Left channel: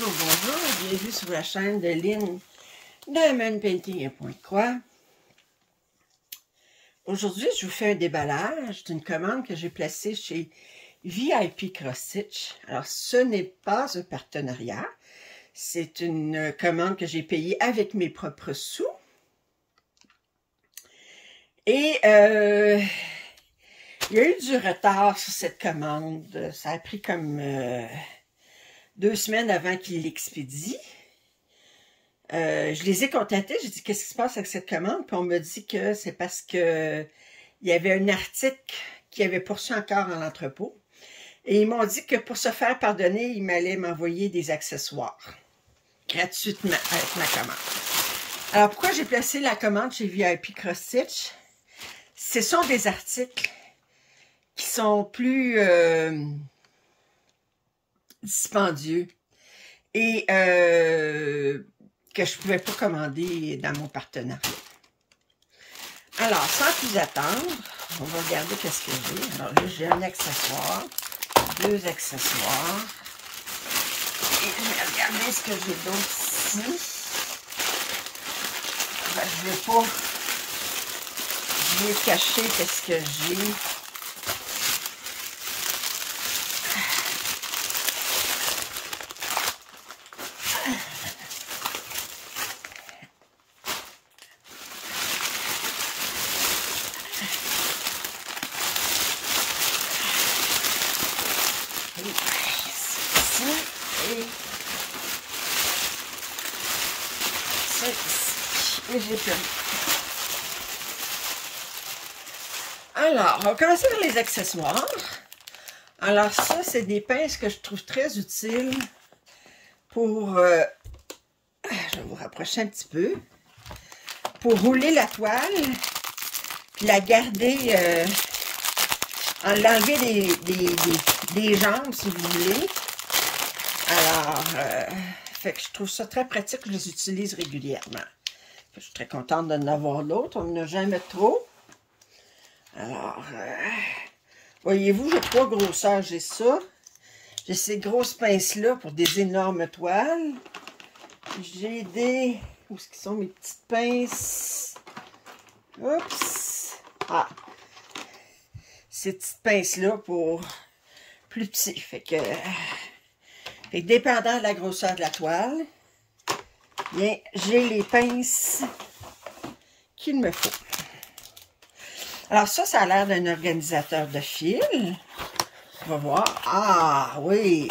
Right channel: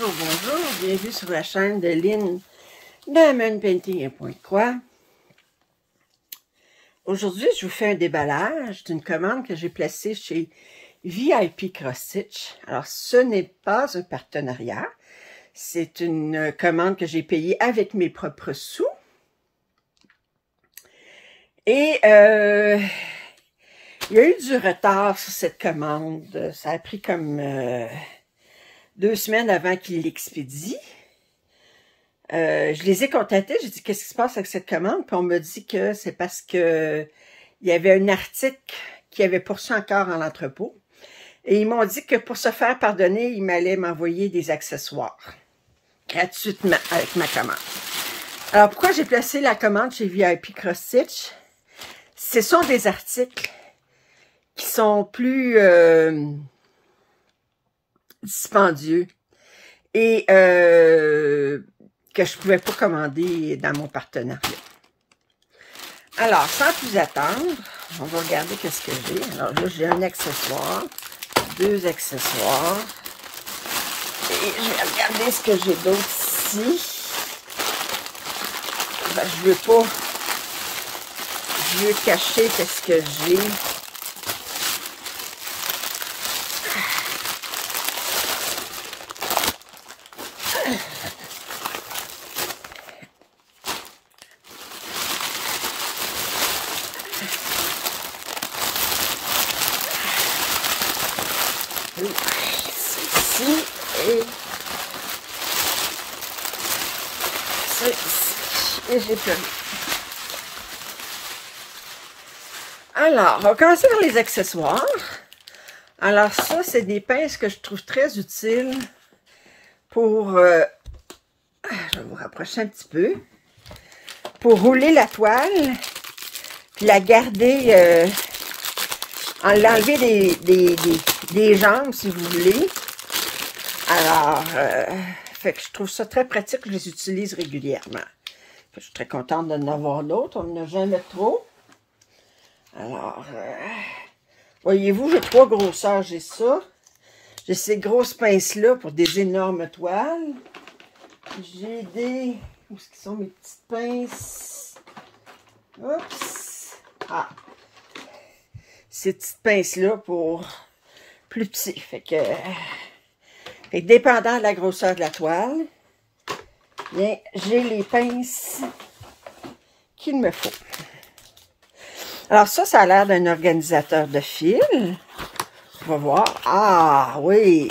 Bonjour, bonjour, bienvenue sur la chaîne de Lynn Diamond Painting et Point de Croix. Aujourd'hui, je vous fais un déballage d'une commande que j'ai placée chez VIP Cross Stitch. Alors, ce n'est pas un partenariat, c'est une commande que j'ai payée avec mes propres sous. Et il y a eu du retard sur cette commande. Ça a pris comme 2 semaines avant qu'il l'expédie. Je les ai contactés, j'ai dit qu'est-ce qui se passe avec cette commande, puis on m'a dit que c'est parce que il y avait un article qui avait poursu encore en entrepôt. Et ils m'ont dit que pour se faire pardonner, ils m'allaient m'envoyer des accessoires gratuitement avec ma commande. Alors pourquoi j'ai placé la commande chez VIP Cross Stitch? Ce sont des articles qui sont plus dispendieux et que je ne pouvais pas commander dans mon partenariat. Alors, sans plus attendre, on va regarder qu'est-ce que j'ai. Alors là, j'ai un accessoire, 2 accessoires. Et je vais regarder ce que j'ai d'autre ici. Ben, je veux cacher qu'est-ce que j'ai. Oui, c'est ici et c'est ici. Et j'ai perdu. Alors, on va commencer par les accessoires. Alors ça, c'est des pinces que je trouve très utiles pour, je vais vous rapprocher un petit peu, pour rouler la toile, la garder, l'enlever des jambes si vous voulez. Alors, fait que je trouve ça très pratique, je les utilise régulièrement. Je suis très contente d'en avoir d'autres, on n'en a jamais trop. Alors, voyez-vous, j'ai 3 grosseurs, j'ai ça. J'ai ces grosses pinces-là pour des énormes toiles. J'ai des... Où est-ce qu'ils sont mes petites pinces? Oups! Ah! Ces petites pinces-là pour plus petit. Fait que dépendant de la grosseur de la toile, bien, j'ai les pinces qu'il me faut. Alors ça a l'air d'un organisateur de fil. On va voir. Ah, oui!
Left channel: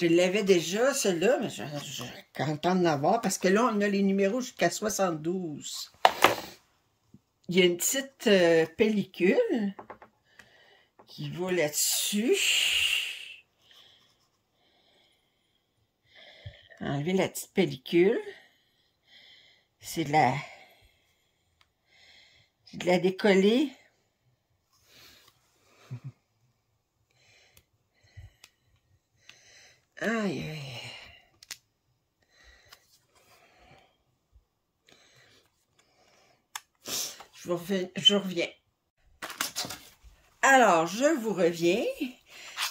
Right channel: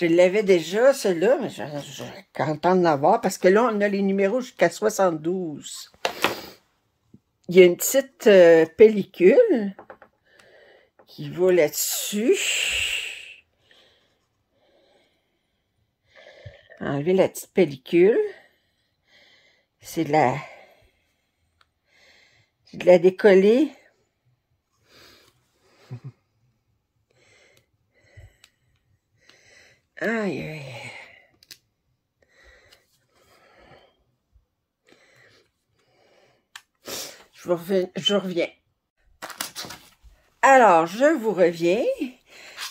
Je l'avais déjà, celui-là, mais je suis contente d'en avoir parce que là, on a les numéros jusqu'à 72. Il y a une petite pellicule qui va là-dessus. Enlever la petite pellicule. C'est de la décoller. Aïe, aïe. Je reviens. Alors, je vous reviens.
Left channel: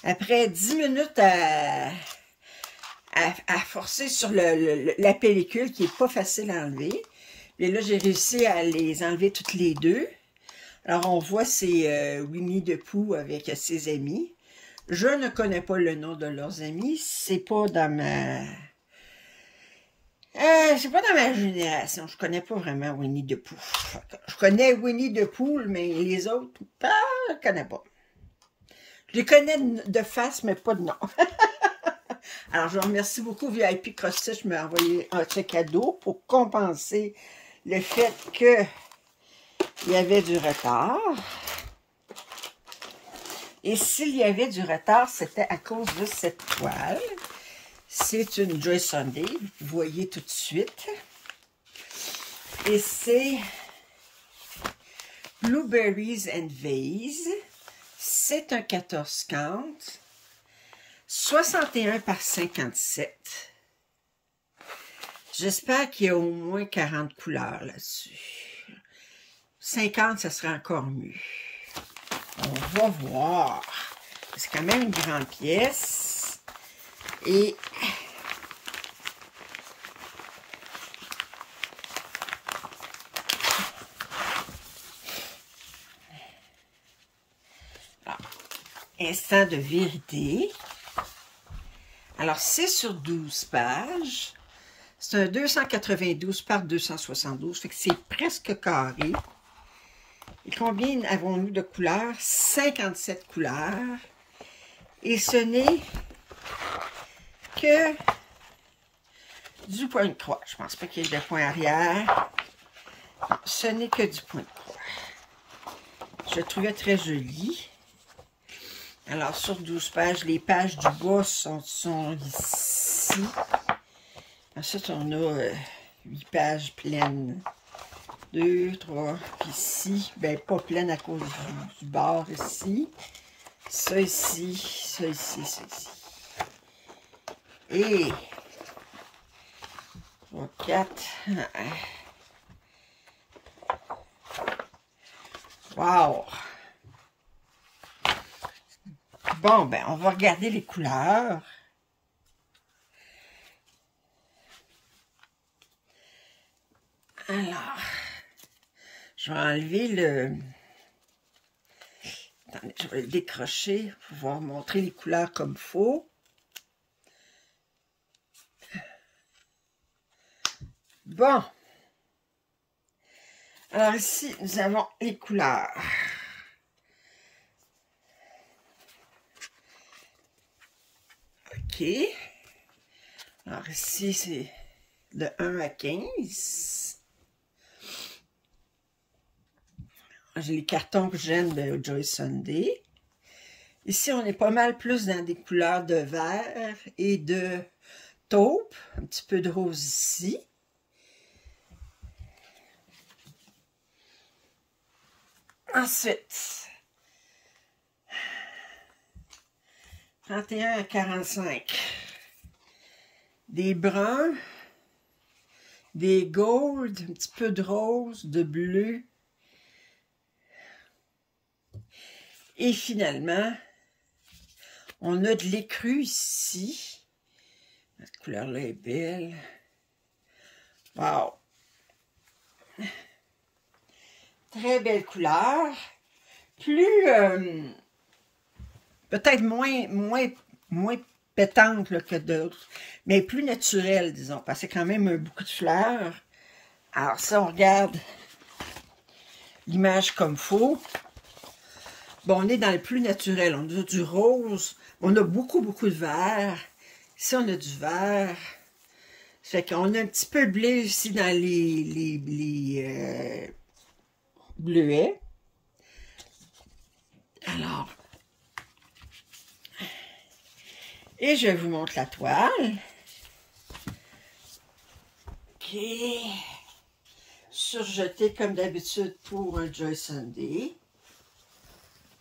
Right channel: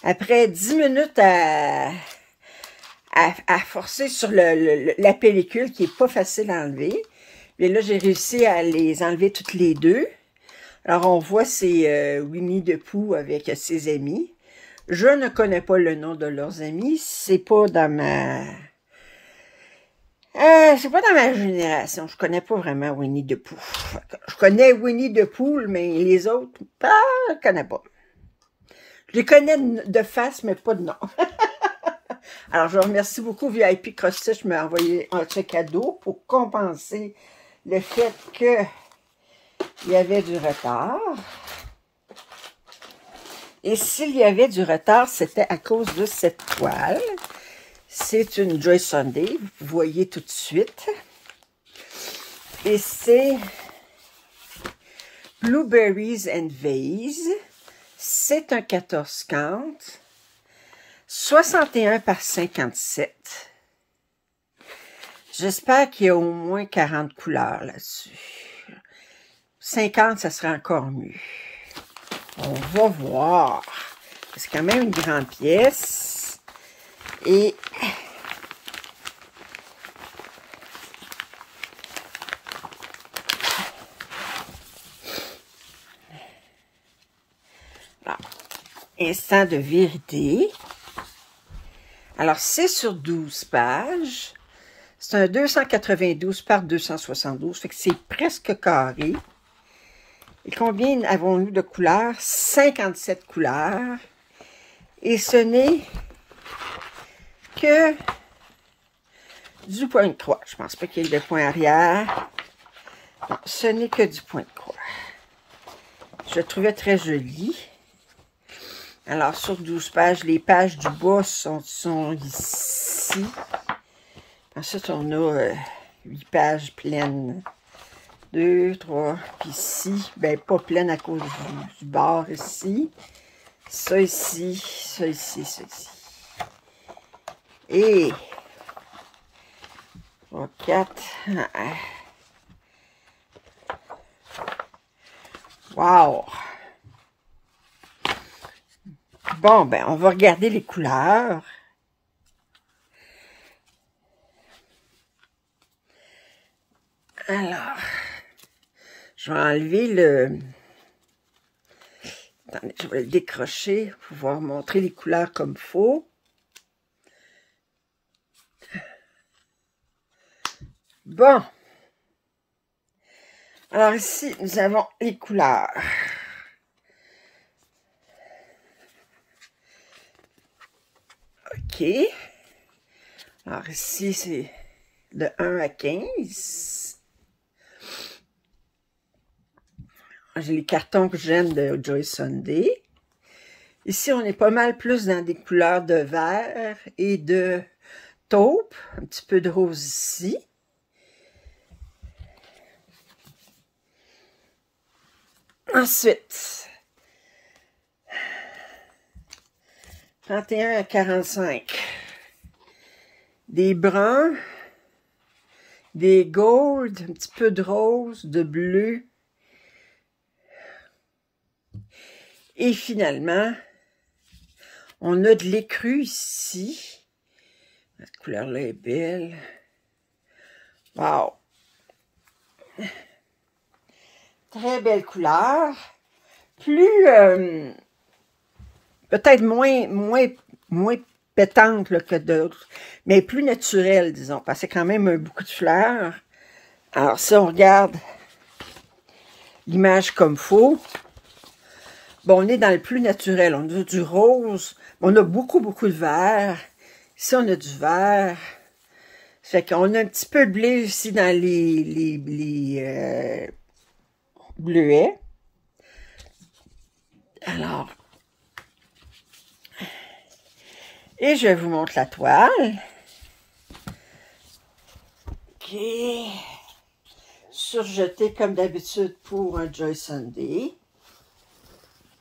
Après 10 minutes à forcer sur la pellicule qui n'est pas facile à enlever. Et là, j'ai réussi à les enlever toutes les deux. Alors, on voit c'est Winnie the Pooh avec ses amis. Je ne connais pas le nom de leurs amis. C'est pas dans ma... c'est pas dans ma génération. Je connais pas vraiment Winnie the Pooh. Je connais Winnie the Pooh, mais les autres, je ne connais pas. Je les connais de face, mais pas de nom. Alors, je remercie beaucoup VIP Cross Stitch de m'avoir envoyé un chèque cadeau pour compenser le fait qu'il y avait du retard. Et s'il y avait du retard, c'était à cause de cette toile. C'est une Joy Sunday, vous voyez tout de suite. Et c'est Blueberries and Vase. C'est un 14 count. 61 par 57. J'espère qu'il y a au moins 40 couleurs là-dessus. 50, ça serait encore mieux. On va voir. C'est quand même une grande pièce. Et instant de vérité. Alors, c'est sur 12 pages. C'est un 292 par 272, fait que c'est presque carré. Et combien avons-nous de couleurs? 57 couleurs. Et ce n'est que du point de croix. Je pense pas qu'il y ait de point arrière. Non, ce n'est que du point de croix. Je le trouvais très joli. Alors, sur 12 pages, les pages du bas sont ici. Ensuite, on a 8 pages pleines. 2, 3, puis ici, ben pas pleine à cause du bord ici. Ça ici, ça ici, ça ici. Et 3, 4. Wow! Bon, ben, on va regarder les couleurs. Alors, je vais enlever le... Attendez, je vais le décrocher pour pouvoir montrer les couleurs comme il faut. Bon. Alors ici, nous avons les couleurs. OK. Alors ici, c'est de 1 à 15. J'ai les cartons que j'aime de Joyce Sunday. Ici, on est pas mal plus dans des couleurs de vert et de taupe. Un petit peu de rose ici. Ensuite, 31 à 45. Des bruns, des gold, un petit peu de rose, de bleu. Et finalement, on a de l'écru ici. La couleur-là est belle. Wow! Très belle couleur. Plus, peut-être moins pétante là, que d'autres, mais plus naturelle, disons, parce que c'est quand même beaucoup de fleurs. Alors, si on regarde l'image comme faut, bon, on est dans le plus naturel. On a du rose, on a beaucoup de vert. Ici, on a du vert. Ça fait qu'on a un petit peu de bleu ici dans les bleuets. Alors, et je vous montre la toile. OK. Surjetée comme d'habitude pour un Joyce Sunday.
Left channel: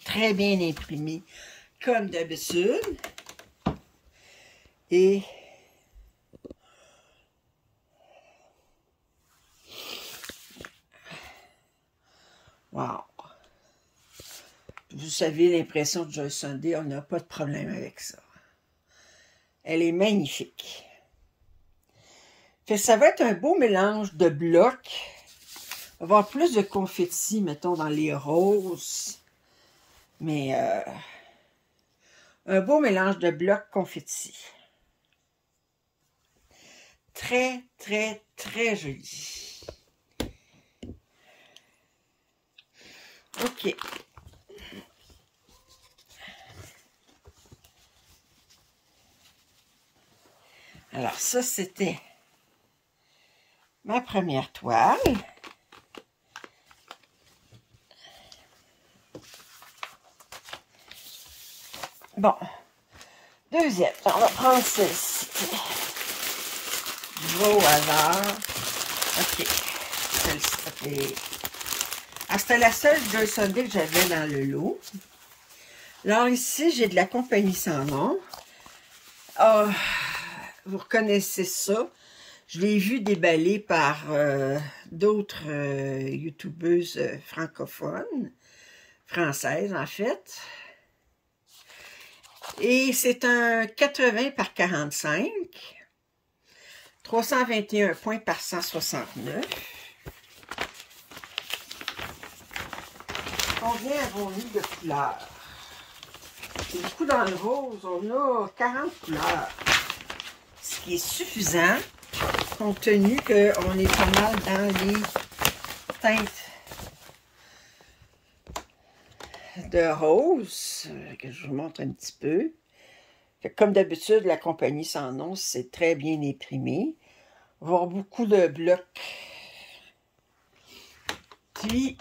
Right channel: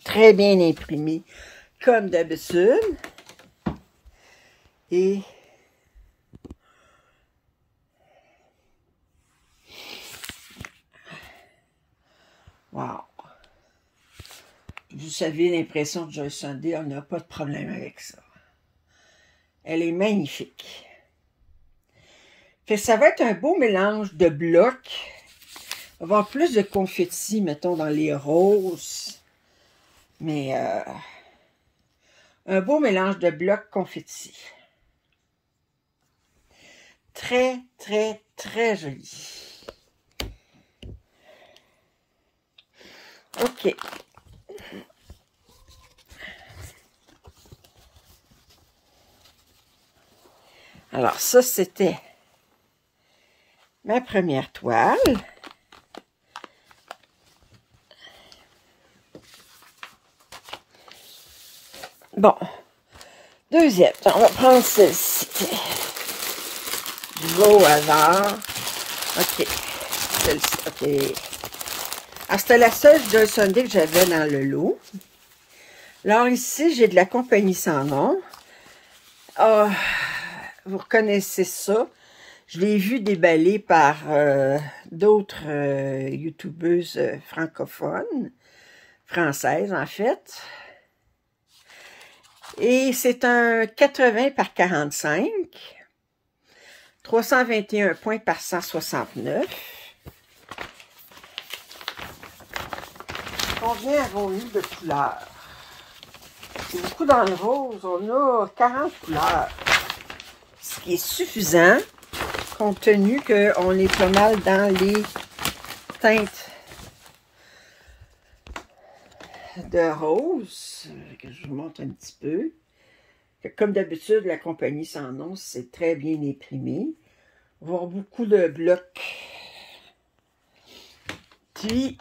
Très bien imprimé comme d'habitude. Et wow! Vous savez, l'impression de Joyce Sunday, on n'a pas de problème avec ça. Elle est magnifique. Ça va être un beau mélange de blocs. On va avoir plus de confetti, mettons, dans les roses. Mais un beau mélange de blocs confetti. Très, très, très joli. OK. Alors, ça, c'était ma première toile. Bon. Deuxième. On va prendre celle-ci. Du au hasard. OK. Celle-ci. OK. Alors, c'était la seule Joyce Sunday que j'avais dans le lot. Alors, ici, j'ai de la compagnie sans nom. Ah, vous reconnaissez ça. Je l'ai vu déballer par d'autres youtubeuses francophones, françaises en fait. Et c'est un 80 par 45. 321 points par 169. Combien avons-nous de couleurs? C'est beaucoup dans le rose. On a 40 couleurs. Ce qui est suffisant, compte tenu qu'on est pas mal dans les teintes de rose, que je vous montre un petit peu. Comme d'habitude, la compagnie sans nom, c'est très bien imprimé. On va avoir beaucoup de blocs. Puis,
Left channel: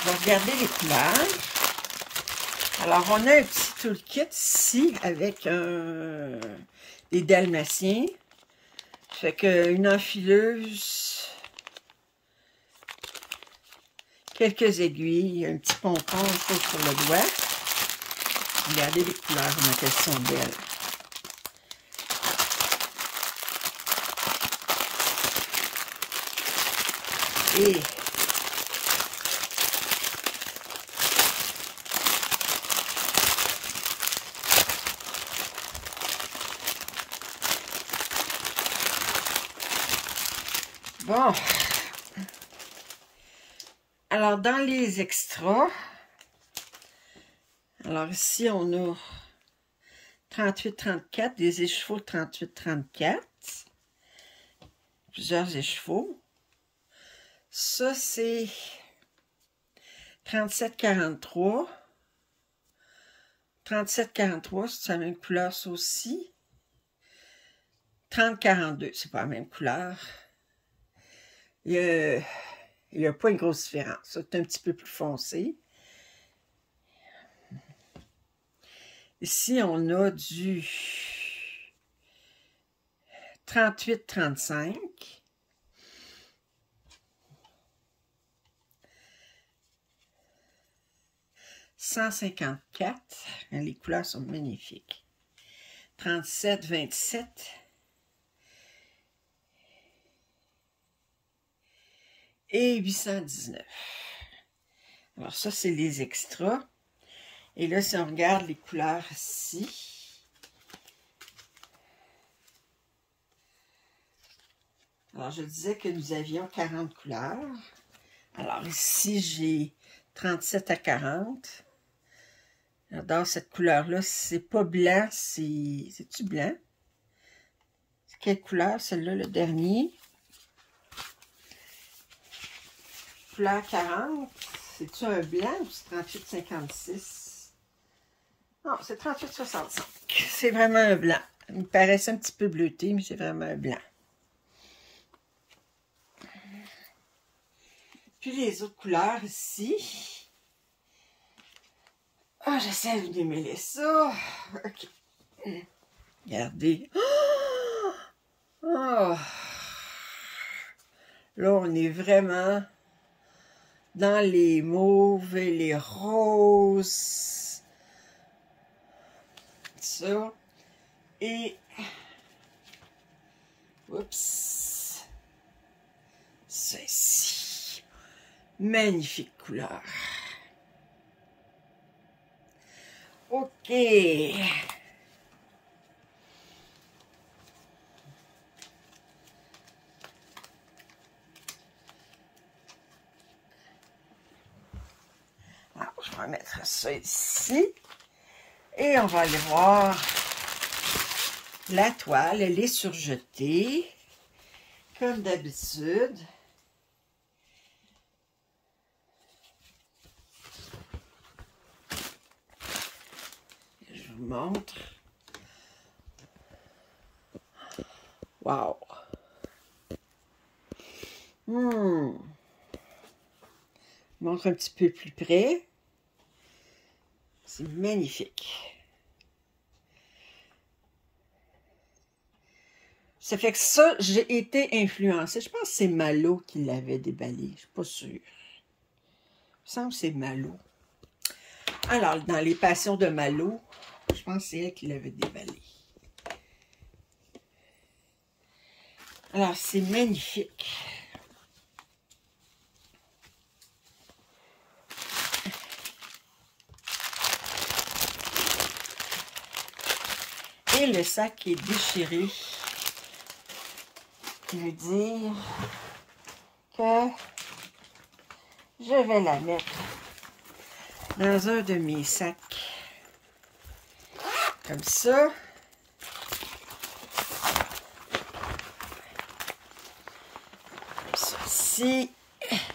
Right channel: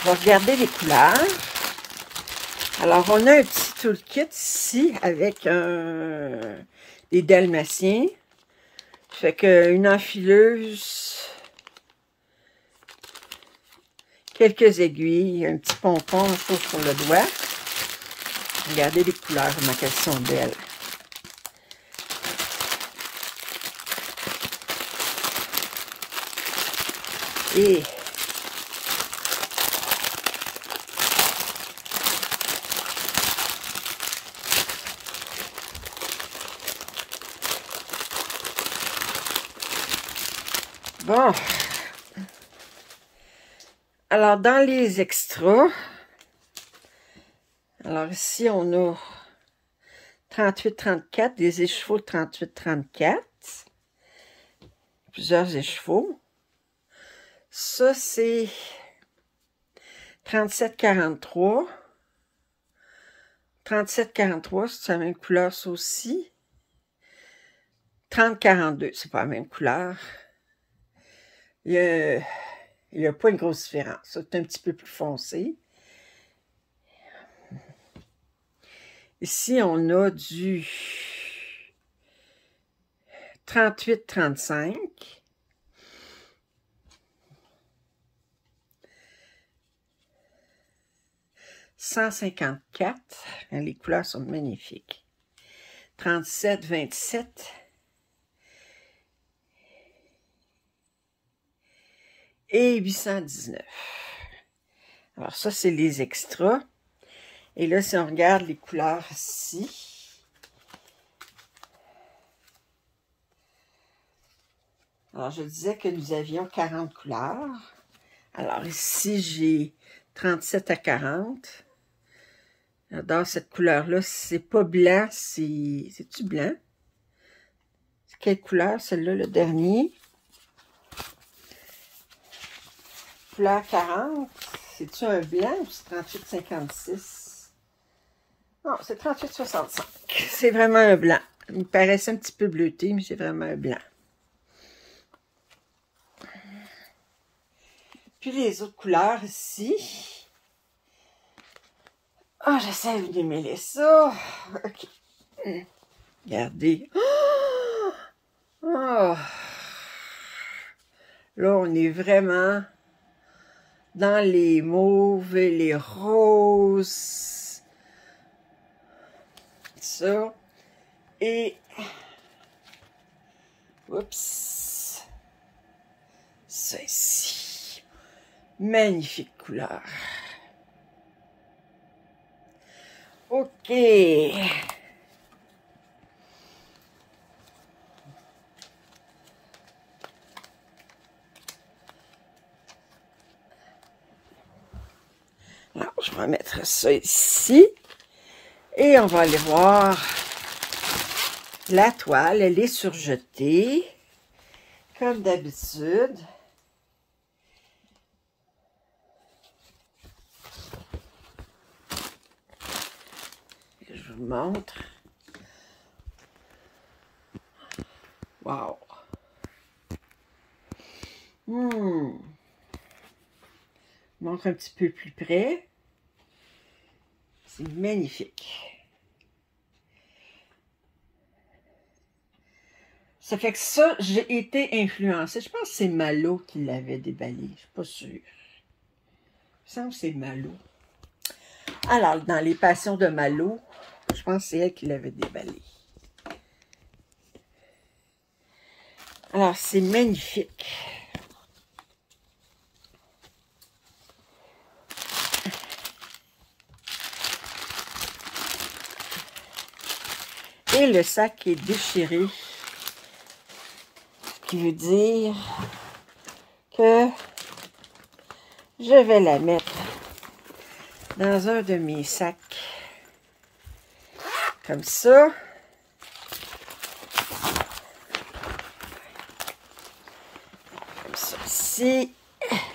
on va regarder les couleurs. Alors, on a un petit toolkit ici avec des dalmatiens. Fait qu'une enfileuse, quelques aiguilles, un petit pompon sur le doigt. Regardez les couleurs, comment elles sont belles. Et bon, alors dans les extras, alors ici on a 38-34, des écheveaux de 38-34, plusieurs écheveaux. Ça c'est 37-43, 37-43, c'est la même couleur ça aussi. 30-42, c'est pas la même couleur. Il n'y a pas une grosse différence. C'est un petit peu plus foncé. Ici, on a du 38-35. « 154. Les couleurs sont magnifiques. 37-27. Et 819. Alors ça, c'est les extras. Et là, si on regarde les couleurs ici, alors je disais que nous avions 40 couleurs. Alors ici, j'ai 37 à 40. J'adore cette couleur-là. C'est pas blanc, c'est-tu blanc? C'est quelle couleur, celle-là, le dernier? Couleur 40, c'est-tu un blanc ou c'est 38-56? Non, c'est 38-65. C'est vraiment un blanc. Il me paraissait un petit peu bleuté, mais c'est vraiment un blanc. Puis les autres couleurs ici. Ah, j'essaie de démêler ça. OK. Regardez. Oh! Là, on est vraiment dans les mauves et les roses. Ça. Et... oups. Ça ici. Magnifique couleur. OK. Alors, je vais mettre ça ici. Et on va aller voir la toile. Elle est surjetée, comme d'habitude. Je vous montre. Wow! Je montre un petit peu plus près. C'est magnifique. Ça fait que ça, j'ai été influencée. Je pense que c'est Malo qui l'avait déballé. Je ne suis pas sûre. Il me semble que c'est Malo. Alors, dans les Passions de Malo, je pense que c'est elle qui l'avait déballé. Alors, c'est magnifique. Et le sac est déchiré, qui veut dire que je vais la mettre dans un de mes sacs, comme ça. Ça ici,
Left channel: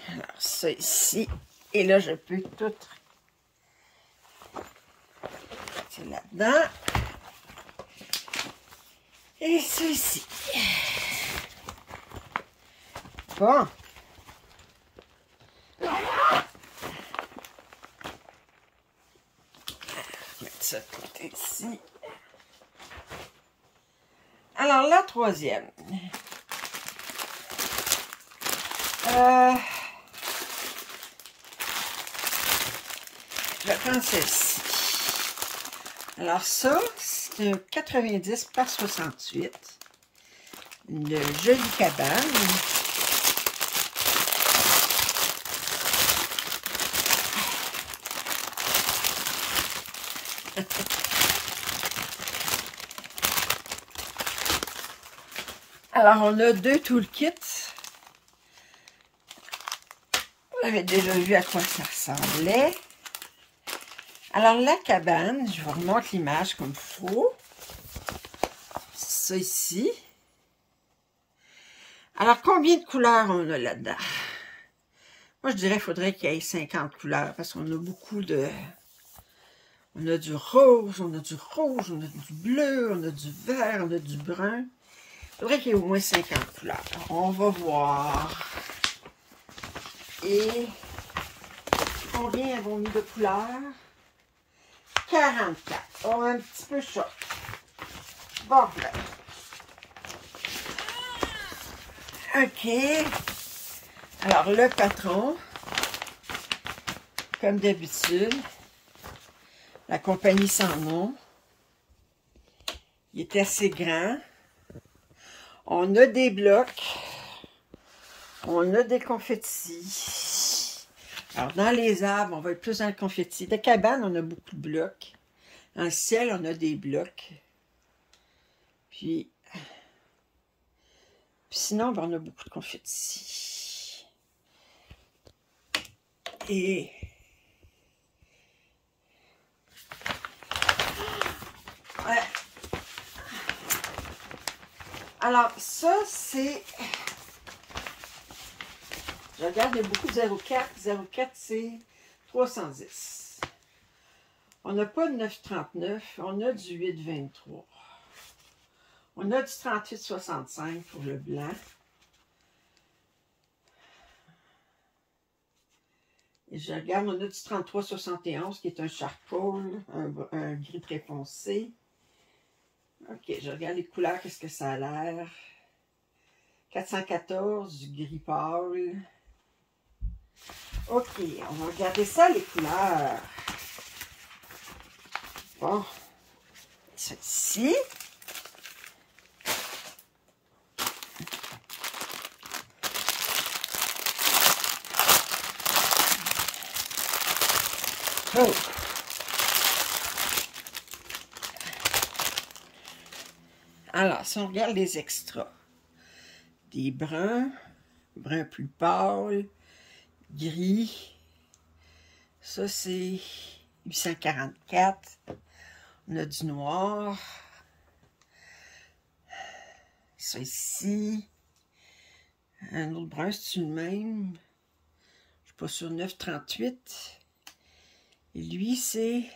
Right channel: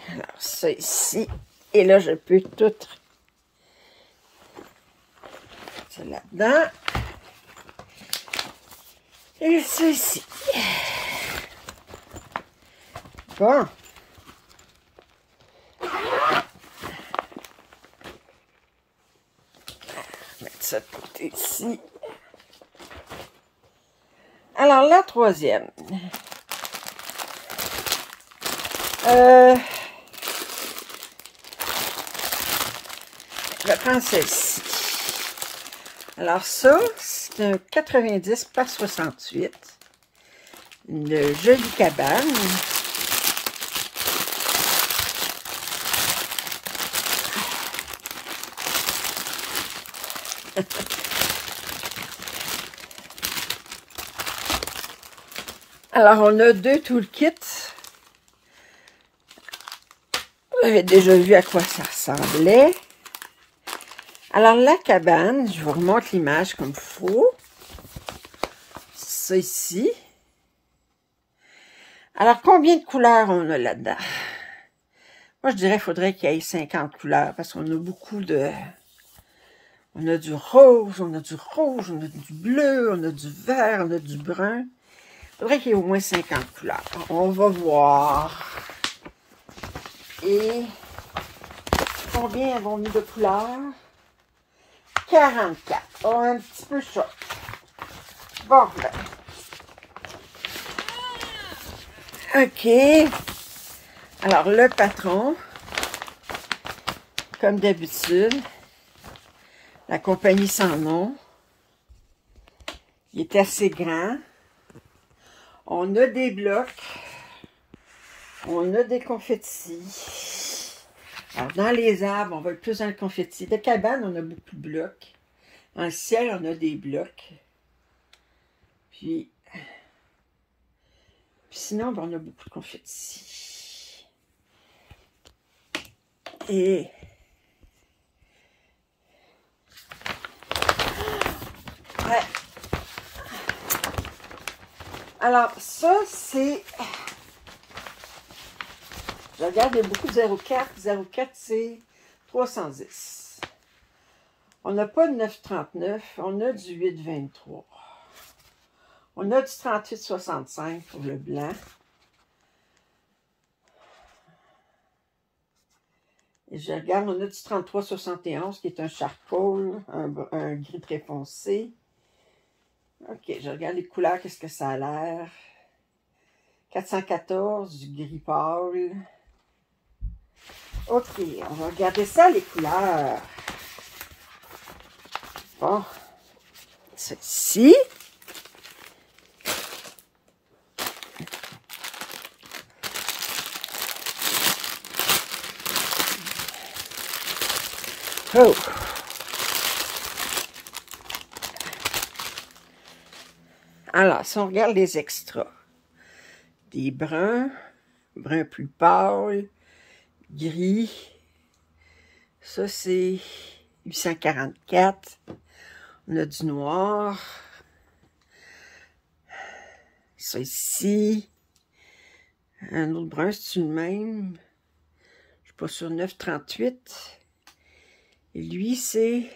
alors ça ici, et là je peux tout mettre ça là-dedans. Et ça ici. Bon. Mettre ça de côté ici. Alors, la troisième. Je vais prendre celle-ci. Alors ça, c'est un 90 par 68. Une jolie cabane. Alors, on a deux toolkits. J'avais déjà vu à quoi ça ressemblait. Alors, la cabane, je vous remonte l'image comme il faut. Ça ici. Alors, combien de couleurs on a là-dedans? Moi, je dirais qu'il faudrait qu'il y ait 50 couleurs, parce qu'on a beaucoup de... On a du rose, on a du rouge, on a du bleu, on a du vert, on a du brun. Il faudrait qu'il y ait au moins 50 couleurs. On va voir. Et combien avons mis de couleurs? 44. Oh, un petit peu chaud. Bon, là. OK. Alors, le patron, comme d'habitude, la compagnie sans nom, il est assez grand. On a des blocs. On a des confettis. Alors, dans les arbres, on va être plus dans le confetti. De cabane, on a beaucoup de blocs. Dans le ciel, on a des blocs. Puis sinon, ben, on a beaucoup de confettis. Et ouais. Alors, ça, c'est... Je regarde, il y a beaucoup de 0,4. 0,4, c'est 310. On n'a pas de 9,39. On a du 8,23. On a du 38,65 pour le blanc. Et je regarde, on a du 33,71 qui est un charcoal, un gris très foncé. OK, je regarde les couleurs, qu'est-ce que ça a l'air. 414, du gris pâle. OK, on va regarder ça, les couleurs. Bon, celle-ci. Oh. Alors, si on regarde les extras, des bruns, brun plus pâle, gris, ça c'est 844, on a du noir, ça ici, un autre brun, c'est le même, je suis pas sur 938, et lui c'est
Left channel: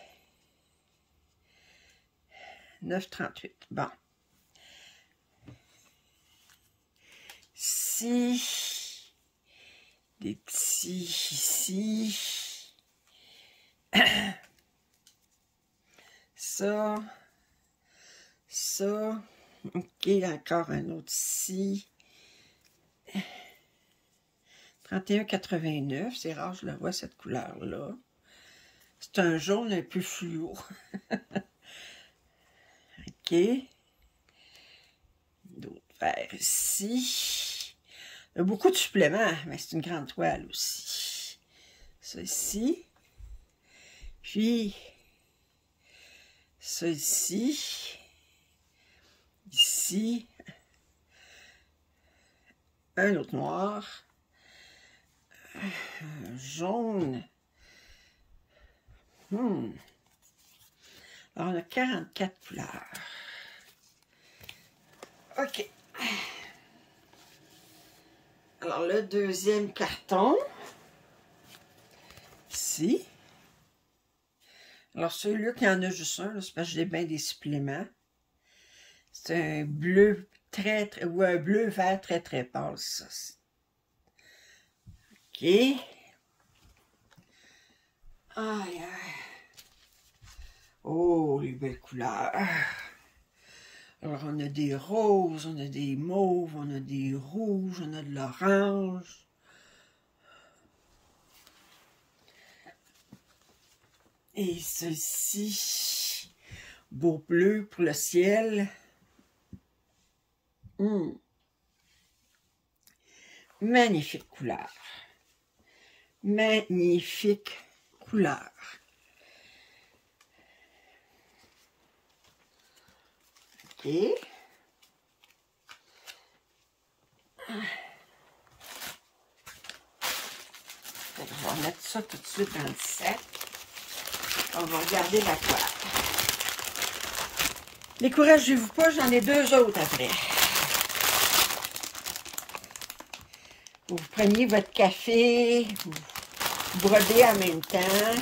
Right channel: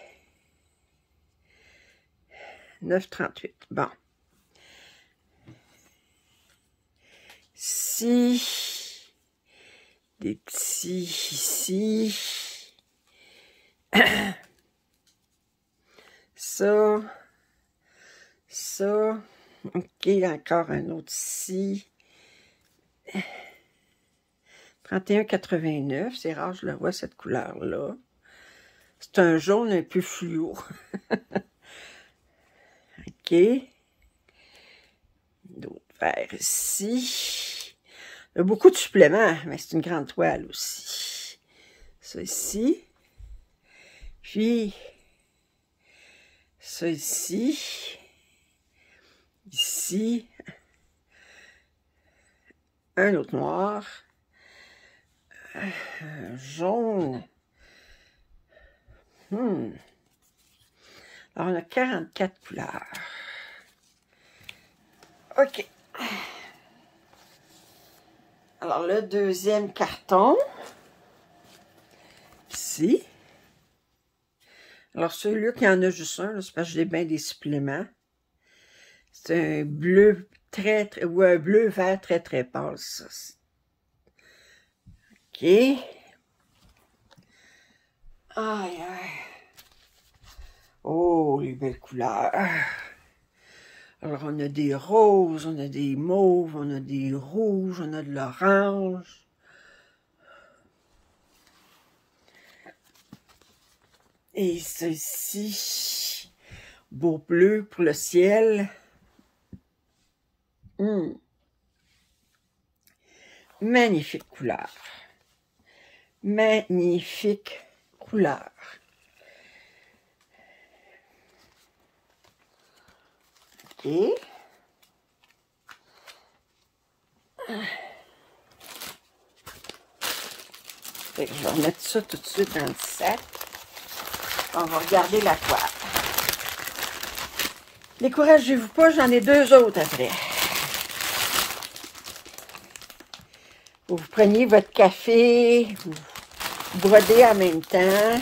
938, bon. Ici, des petits ici, ça, ok, encore un autre ici, 31,89, c'est rare, je la vois cette couleur-là, C'est un jaune un peu fluo. OK. D'autres verres ici. Il y a beaucoup de suppléments, mais c'est une grande toile aussi. Ça ici. Puis, ça ici. Ici. Un autre noir. Un jaune. Alors, on a 44 couleurs. OK. Alors, le deuxième carton. Ici. Alors, celui-là qui en a juste un, c'est parce que j'ai bien des suppléments. C'est un bleu ou un bleu vert très pâle, ça. OK. Aïe, aïe. Oh, les belles couleurs. Alors, on a des roses, on a des mauves, on a des rouges, on a de l'orange. Et ceci, beau bleu pour le ciel. Magnifique couleur. Magnifique couleur. OK. Je vais remettre ça tout de suite dans le sac. On va regarder la toile. Découragez-vous pas, j'en ai deux autres après. Vous preniez votre café, vous brodez en même temps.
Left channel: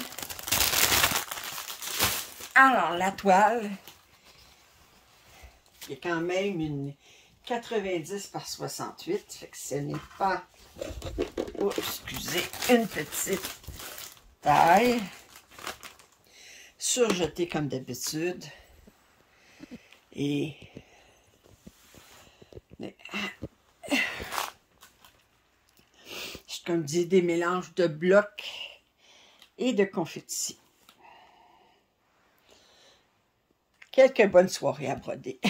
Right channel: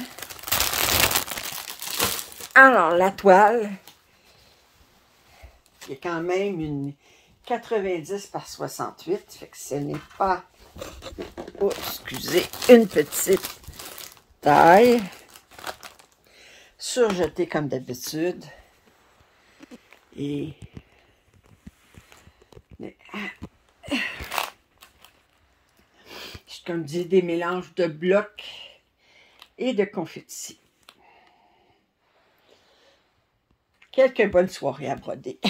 Alors, la toile, il y a quand même une 90 par 68, fait que ce n'est pas, oh, excusez, une petite taille. Surjetée comme d'habitude. Et comme dit, des mélanges de blocs et de confettis. Quelques bonnes soirées à broder.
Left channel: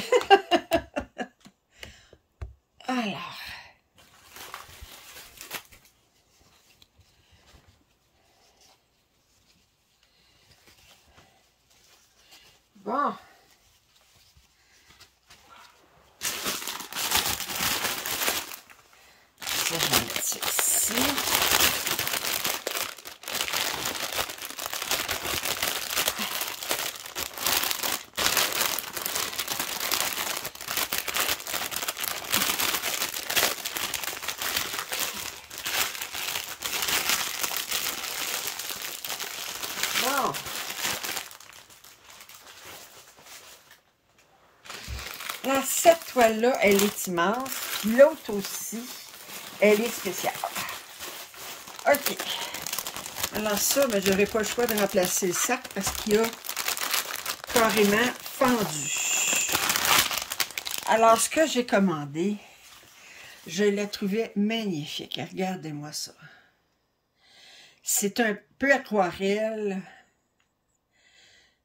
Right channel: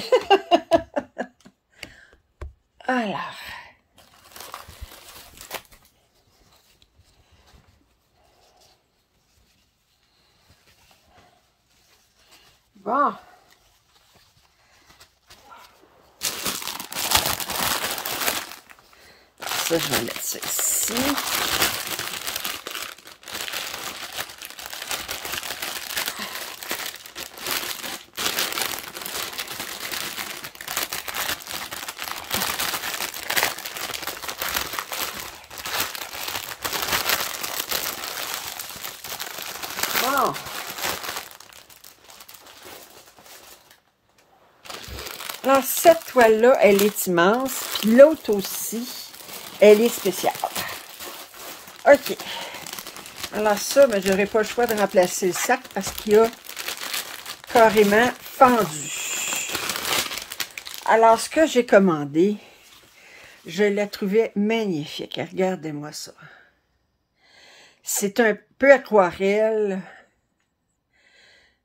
Alors. Bon. Ça, je vais mettre ça ici. Bon. Alors, cette toile-là, elle est immense. Puis l'autre aussi, elle est spéciale. OK. Alors ça, mais je n'aurai pas le choix de remplacer le sac parce qu'il a carrément fendu. Alors, ce que j'ai commandé, je la trouvais magnifique. Regardez-moi ça. C'est un peu aquarelle.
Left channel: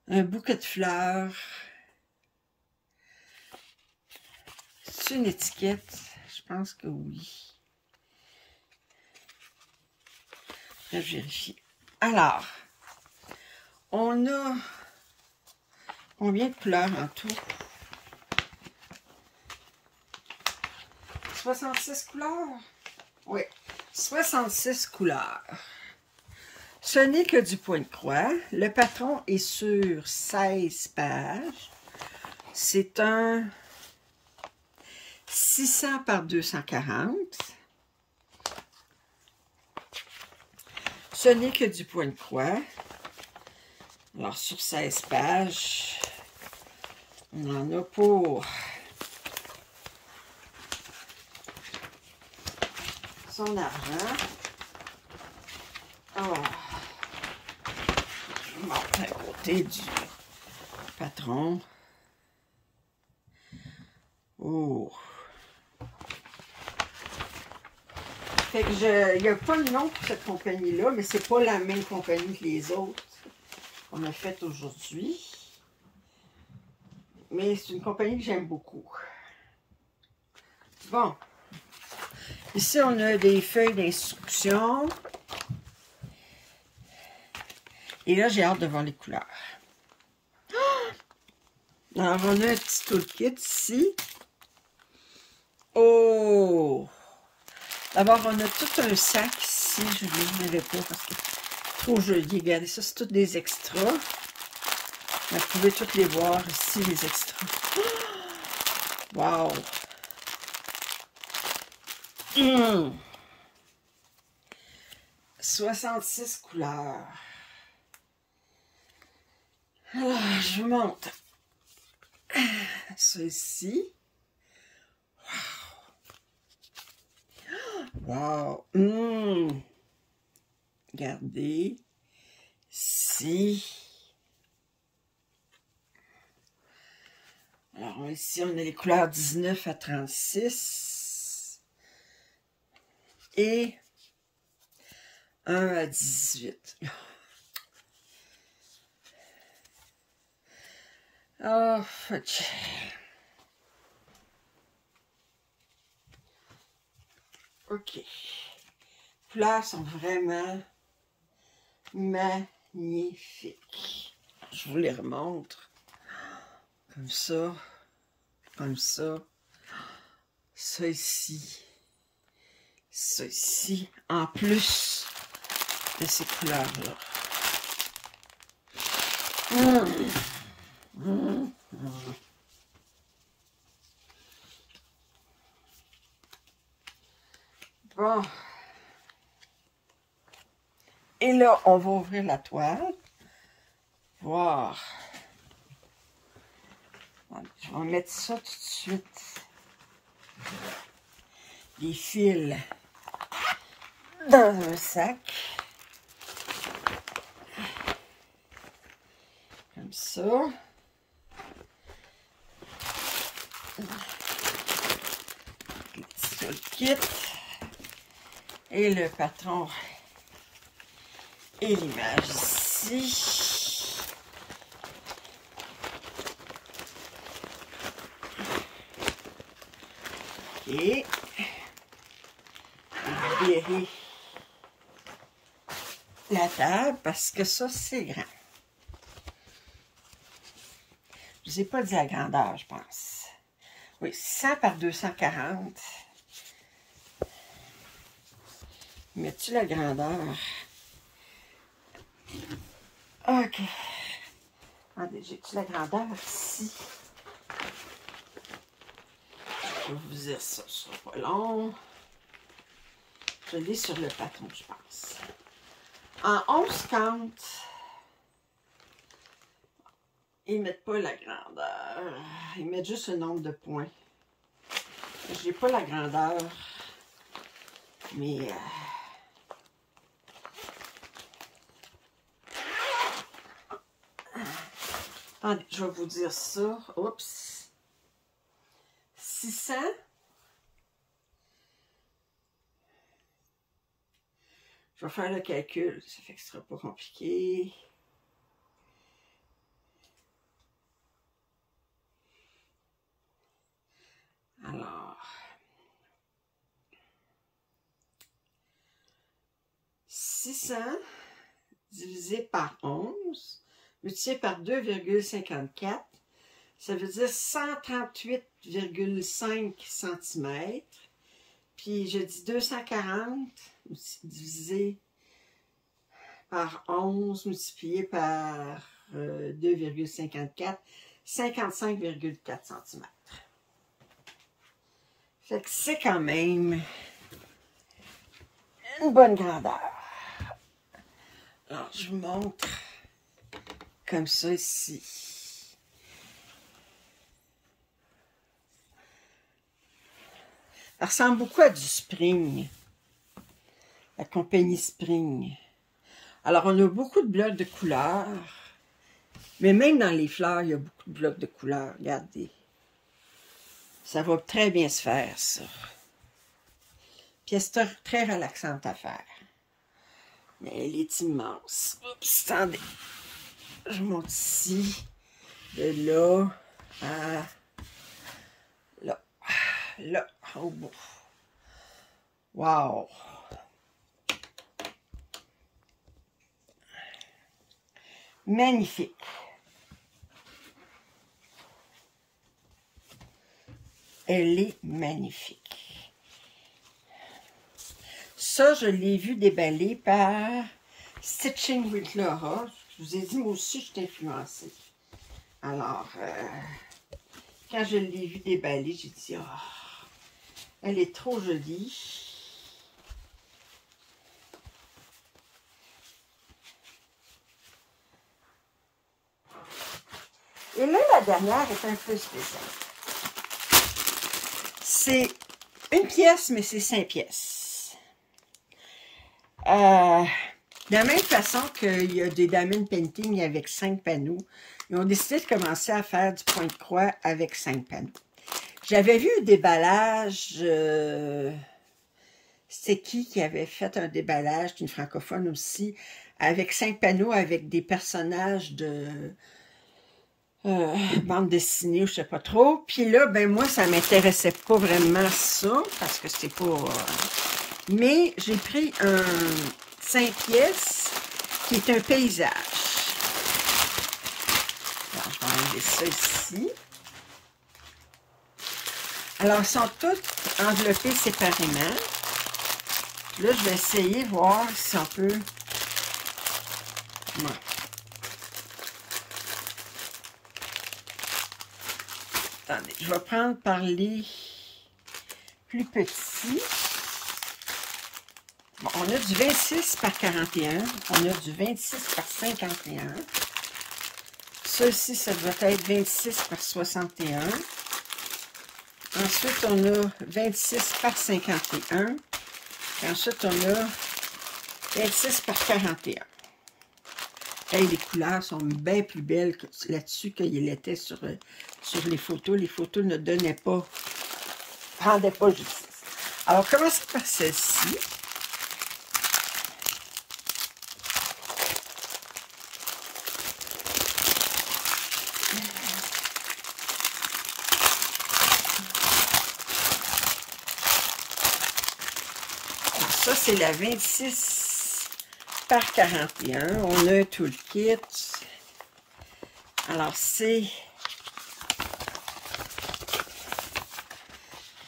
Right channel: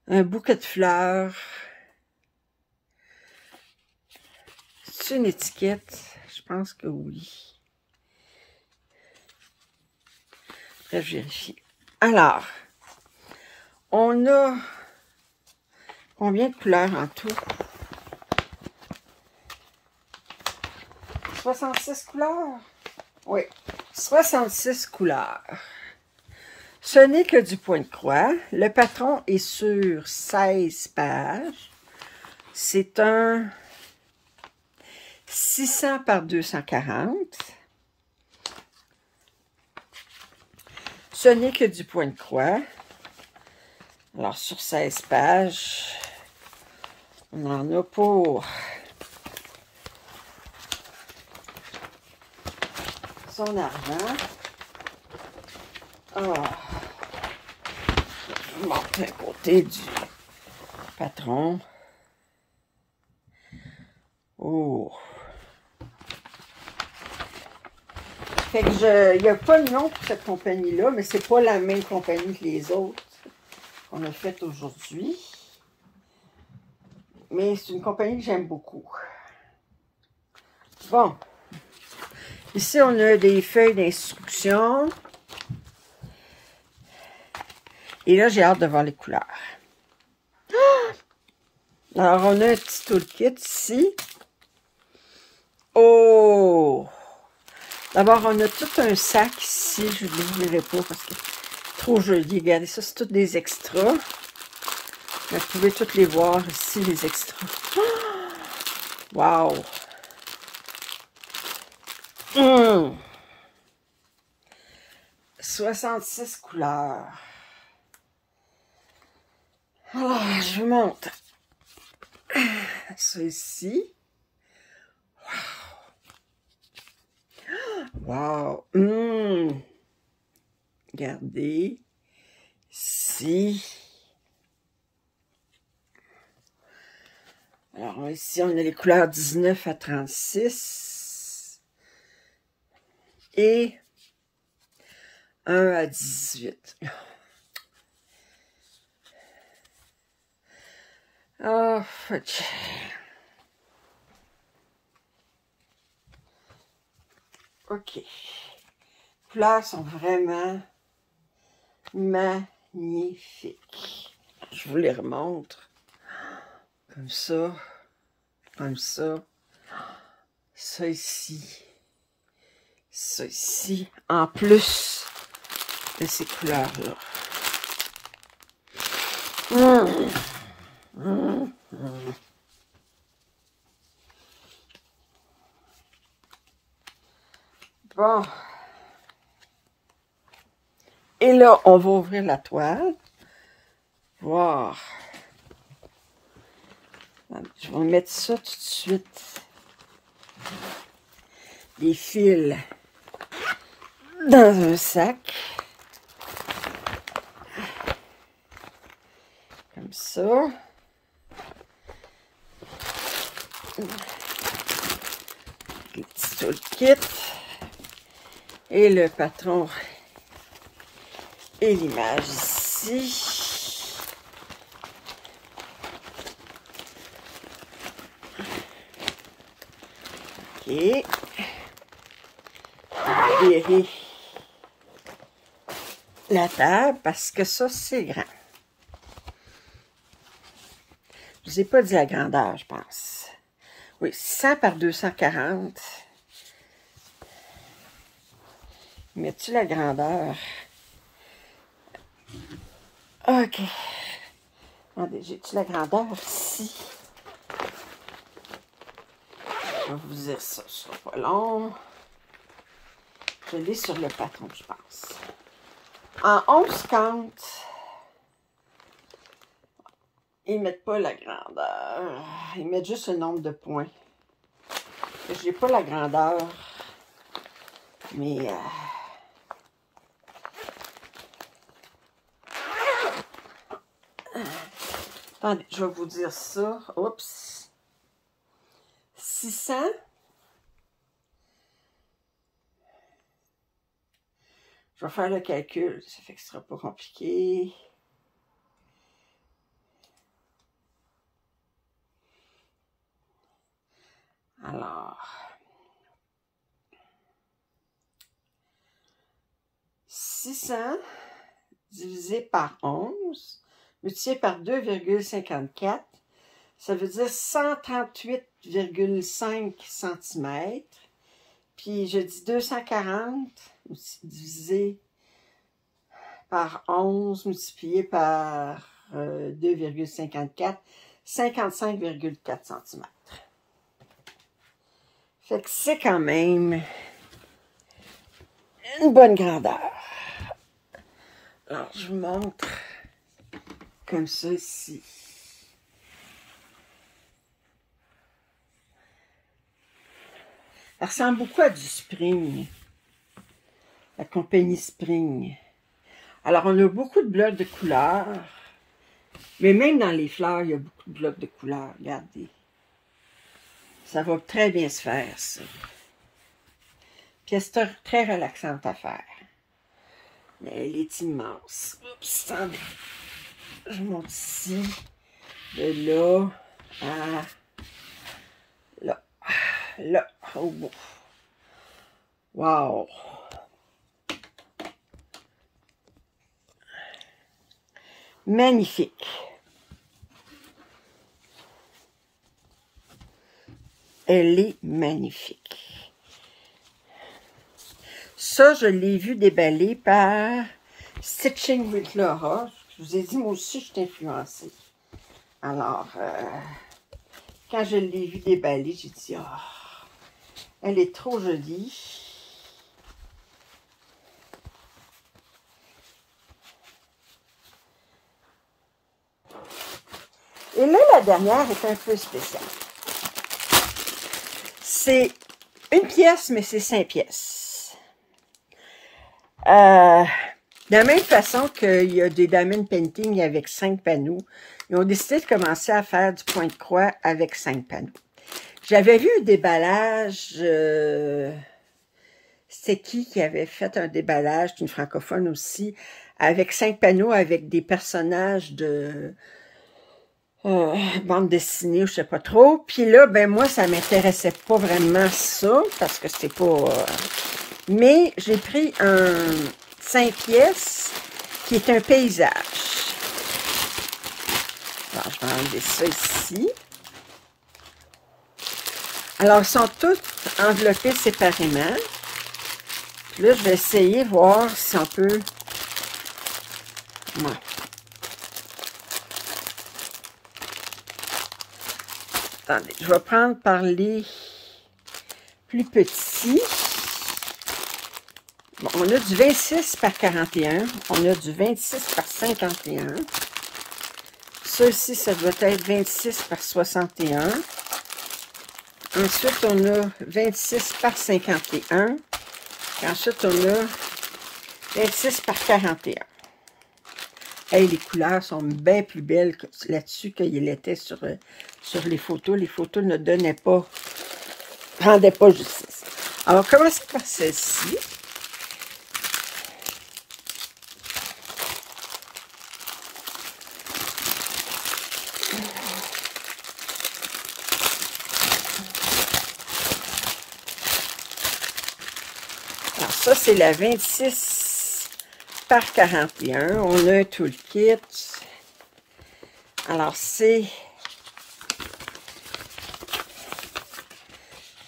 Un bouquet de fleurs. C'est une étiquette? Je pense que oui. Je vais vérifier. Alors, on a combien de couleurs en tout? 66 couleurs? Oui, 66 couleurs. Ce n'est que du point de croix. Le patron est sur 16 pages. C'est un 600 par 240. Ce n'est que du point de croix. Alors, sur 16 pages, on en a pour son argent. Oh. Je monte un côté du patron. Oh. Fait que il n'y a pas de nom pour cette compagnie-là, mais c'est pas la même compagnie que les autres. qu'on a fait aujourd'hui. Mais c'est une compagnie que j'aime beaucoup. Bon. Ici, on a des feuilles d'instruction. Et là, j'ai hâte de voir les couleurs. Alors, on a un petit toolkit ici. Oh! D'abord, on a tout un sac ici. Je ne l'ouvrirai pas parce que c'est trop joli. Regardez, ça, c'est tous des extras. Vous pouvez toutes les voir ici, les extras. Wow! 66 couleurs. Alors, je vous montre ça ici. Wow! Regardez. Ici. Alors, ici, on a les couleurs 19 à 36. Et 1 à 18. Oh, fuck. OK. Les couleurs sont vraiment magnifiques. Je vous les remontre. Comme ça. Comme ça. Ça ici. Ça ici. En plus de ces couleurs-là. Bon. Et là, on va ouvrir la toile. Voir. Je vais mettre ça tout de suite. Des fils dans un sac. Comme ça. Le petit toolkit. Et le patron et l'image ici. Ok. Virer la table parce que ça, c'est grand. Je ne vous ai pas dit la grandeur, je pense. Oui, 100 par 240. Mets-tu la grandeur? OK. Attendez, j'ai-tu la grandeur ici? Je vais vous dire ça, ce sera pas long. Je l'ai sur le patron, je pense. En 11 comptes, ils ne mettent pas la grandeur. Ils mettent juste le nombre de points. Je n'ai pas la grandeur. Mais... attendez, je vais vous dire ça. Oups. 600. Je vais faire le calcul. Ça fait que ce ne sera pas compliqué. Alors... 600 divisé par 11, multiplié par 2,54, ça veut dire 138,5 cm. Puis je dis 240 divisé par 11 multiplié par 2,54, 55,4 cm. Fait que c'est quand même une bonne grandeur. Alors, je vous montre comme ça ici. Ça ressemble beaucoup à du Spring, la compagnie Spring. Alors, on a beaucoup de blocs de couleurs, mais même dans les fleurs, il y a beaucoup de blocs de couleurs. Regardez. Ça va très bien se faire, ça. Pièce très relaxante à faire. Elle est immense. Oups, attendez. je monte ici, de là à là, là, au bout. Wow! Magnifique! Elle est magnifique. Ça, je l'ai vu déballer par Stitching with Laura. Je vous ai dit, moi aussi, je suis influencée. Alors, quand je l'ai vu déballer, j'ai dit, oh, elle est trop jolie. Et là, la dernière est un peu spéciale. C'est une pièce, mais c'est 5 pièces. De la même façon qu'il y a des diamond painting avec 5 panneaux, ils ont décidé de commencer à faire du point de croix avec 5 panneaux. J'avais vu un déballage, c'est qui avait fait un déballage, une francophone aussi, avec 5 panneaux avec des personnages de bande dessinée, je sais pas trop. Puis là, ben moi, ça m'intéressait pas vraiment ça, parce que c'est pas... mais j'ai pris un 5 pièces qui est un paysage. Alors, je vais enlever ça ici. Alors, ils sont toutes enveloppées séparément. Là, je vais essayer de voir si on peut... Non. Attendez, je vais prendre par les plus petits. Bon, on a du 26 par 41. On a du 26 par 51. Ça ici, ça doit être 26 par 61. Ensuite, on a 26 par 51. Et ensuite, on a 26 par 41. Hey, les couleurs sont bien plus belles là-dessus qu'il était sur les photos. Les photos ne donnaient pas, rendaient pas justice. Alors, on va commencer par celle-ci. Alors, ça, c'est la 26 par 41. On a un toolkit. Alors, c'est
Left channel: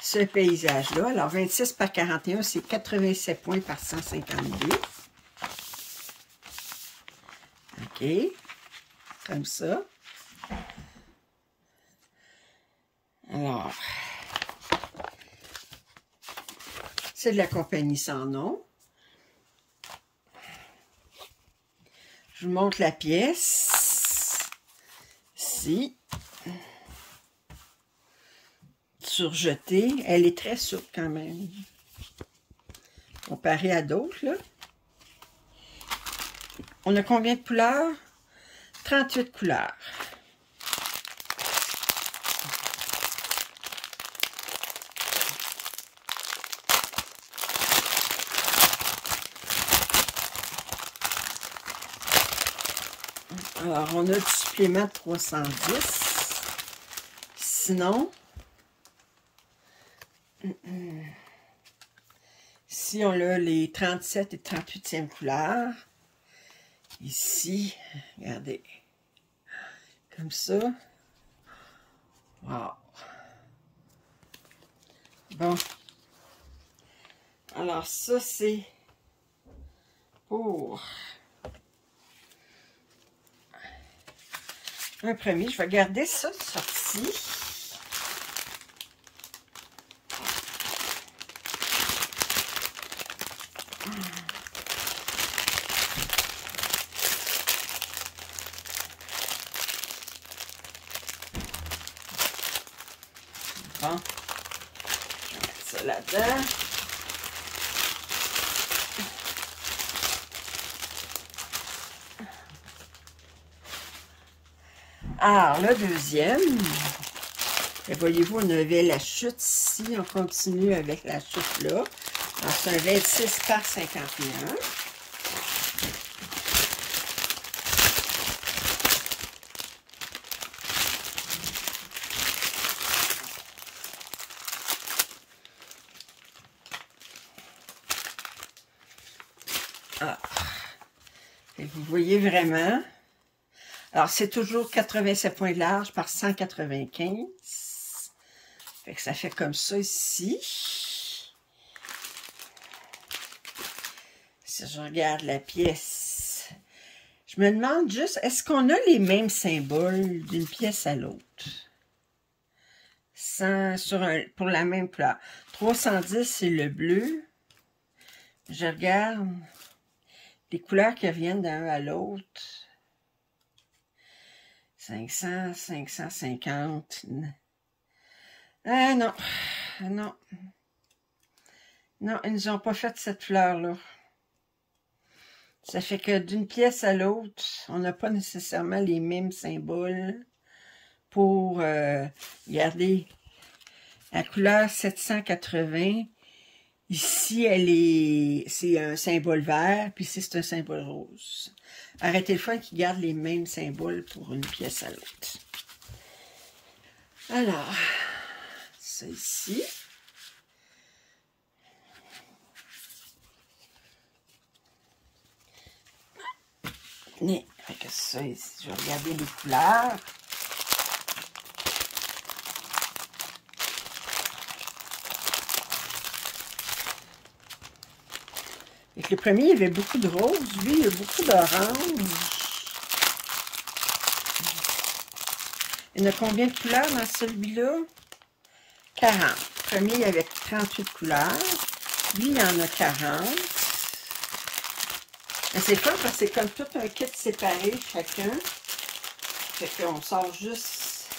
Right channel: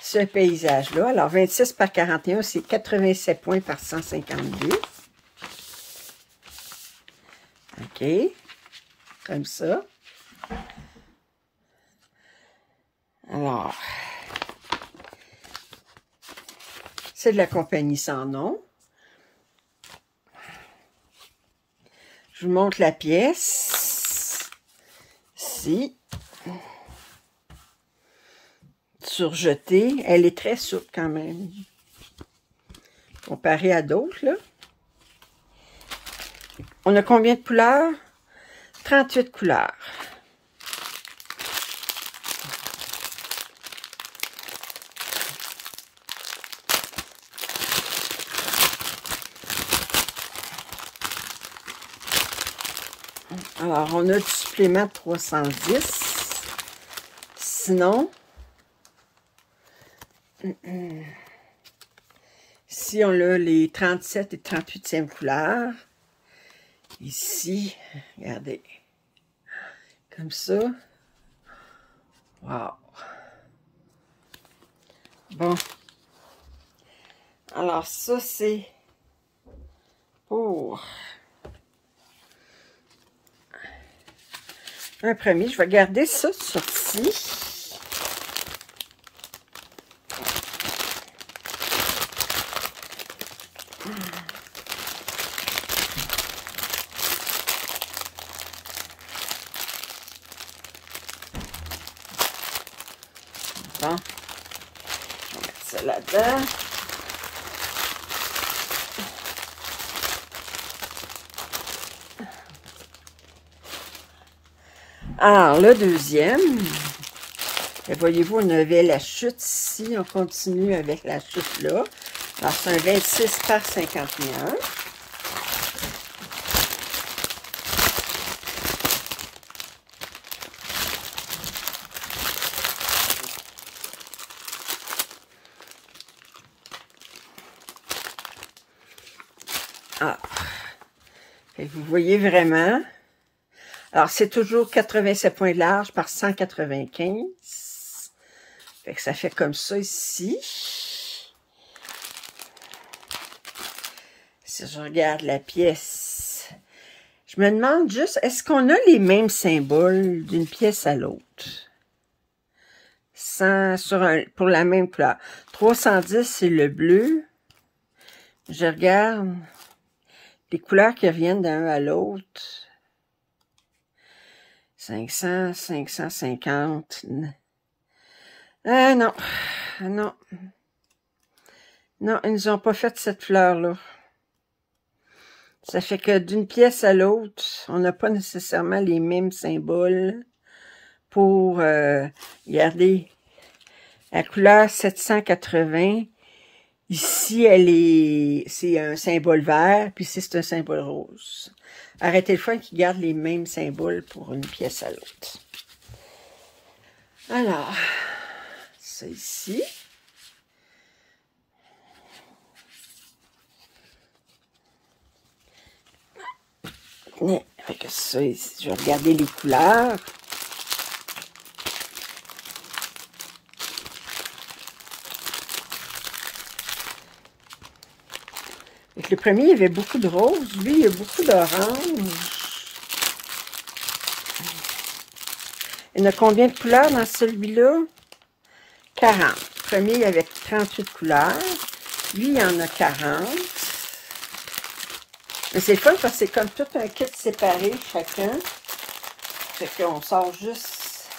ce paysage-là. Alors, 26 par 41, c'est 87 points par 152. OK. Comme ça. Alors, c'est de la compagnie sans nom. Je vous montre la pièce. Ici. Surjetée. Elle est très souple quand même. Comparée à d'autres, là. On a combien de couleurs? 38 couleurs. Alors, on a du supplément de 310. Sinon, si on a les 37 et 38e couleurs, ici, regardez, comme ça. Wow! Bon. Alors, ça, c'est pour un premier. Je vais garder ça sorti. Bon. On va mettre ça là-dedans. Alors, le deuxième, voyez-vous, on avait la chute ici. On continue avec la chute là. Alors, c'est un 26 par 51. Ah. Et vous voyez vraiment. Alors, c'est toujours 87 points de large par 195. Fait que ça fait comme ça ici. Si je regarde la pièce, je me demande juste, est-ce qu'on a les mêmes symboles d'une pièce à l'autre? Pour la même couleur. 310, c'est le bleu. Je regarde les couleurs qui reviennent d'un à l'autre. 500, 550. Non. Non. Non, ils nous ont pas fait cette fleur-là. Ça fait que d'une pièce à l'autre, on n'a pas nécessairement les mêmes symboles pour garder la couleur 780. Ici, c'est un symbole vert, puis ici, c'est un symbole rose. Arrêtez le fun qui garde les mêmes symboles pour une pièce à l'autre. Alors, ça ici. Fait que ça ici, je vais regarder les couleurs. Avec le premier, il y avait beaucoup de rose. Lui, il y a beaucoup d'orange. Il y en a combien de couleurs dans celui-là? 40. Le premier, il y avait 38 couleurs. Lui, il y en a 40. C'est fun parce que c'est comme tout un kit séparé, chacun. Fait qu'on sort juste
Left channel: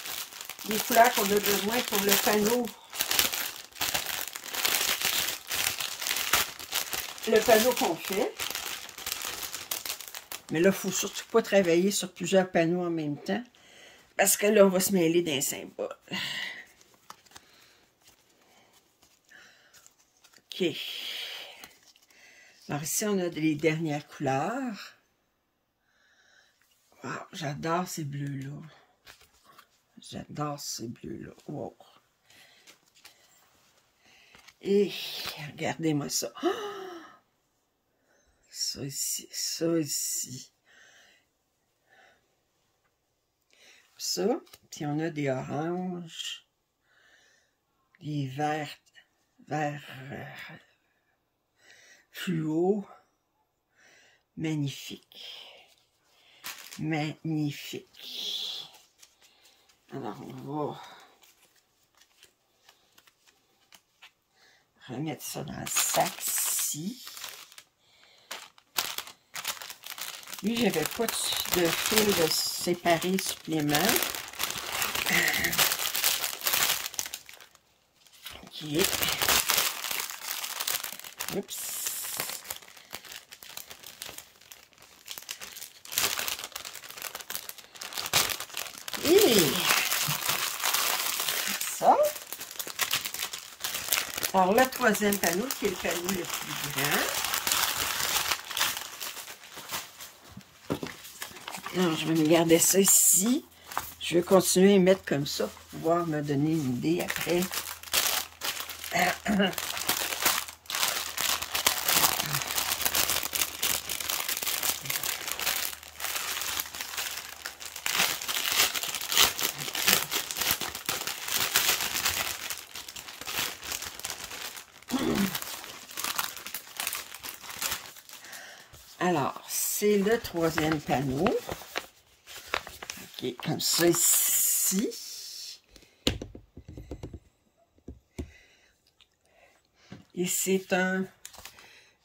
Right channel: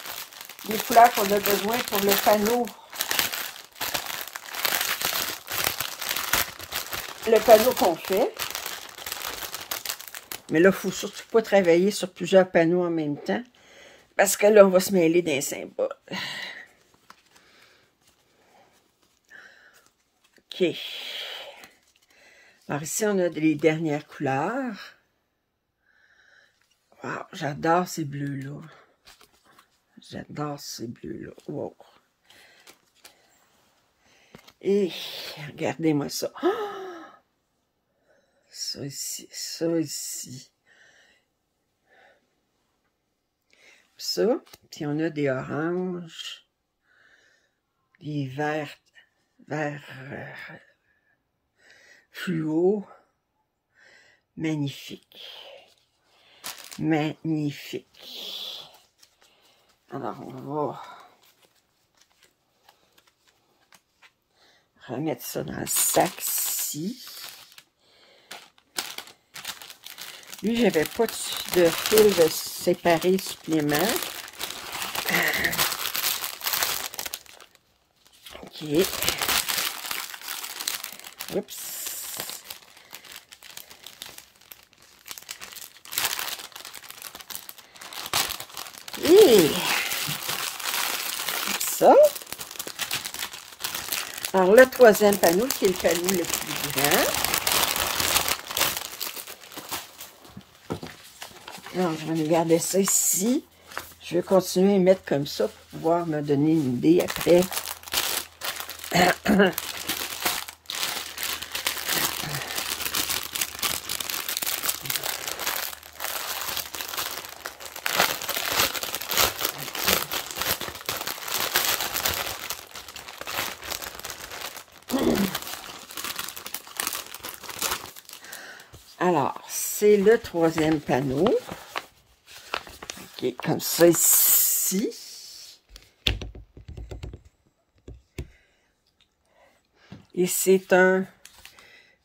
les couleurs qu'on a besoin pour le panneau. Le panneau qu'on fait. Mais là, il ne faut surtout pas travailler sur plusieurs panneaux en même temps. Parce que là, on va se mêler d'un symbole. OK. Alors ici, on a les dernières couleurs. Wow, j'adore ces bleus-là. J'adore ces bleus-là. Wow. Et regardez-moi ça. Oh! Ça ici, ça ici. Ça, puis on a des oranges, des verts fluo. Magnifique. Magnifique. Alors, on va remettre ça dans le sac-ci. Lui, j'avais pas de fil de séparé supplément. OK. Oups. Et ça. Alors, le troisième panneau, qui est le panneau le plus grand. Alors, je vais me garder ça ici. Je vais continuer à mettre comme ça pour pouvoir me donner une idée après. Alors, c'est le troisième panneau. OK, comme ça ici. Et c'est un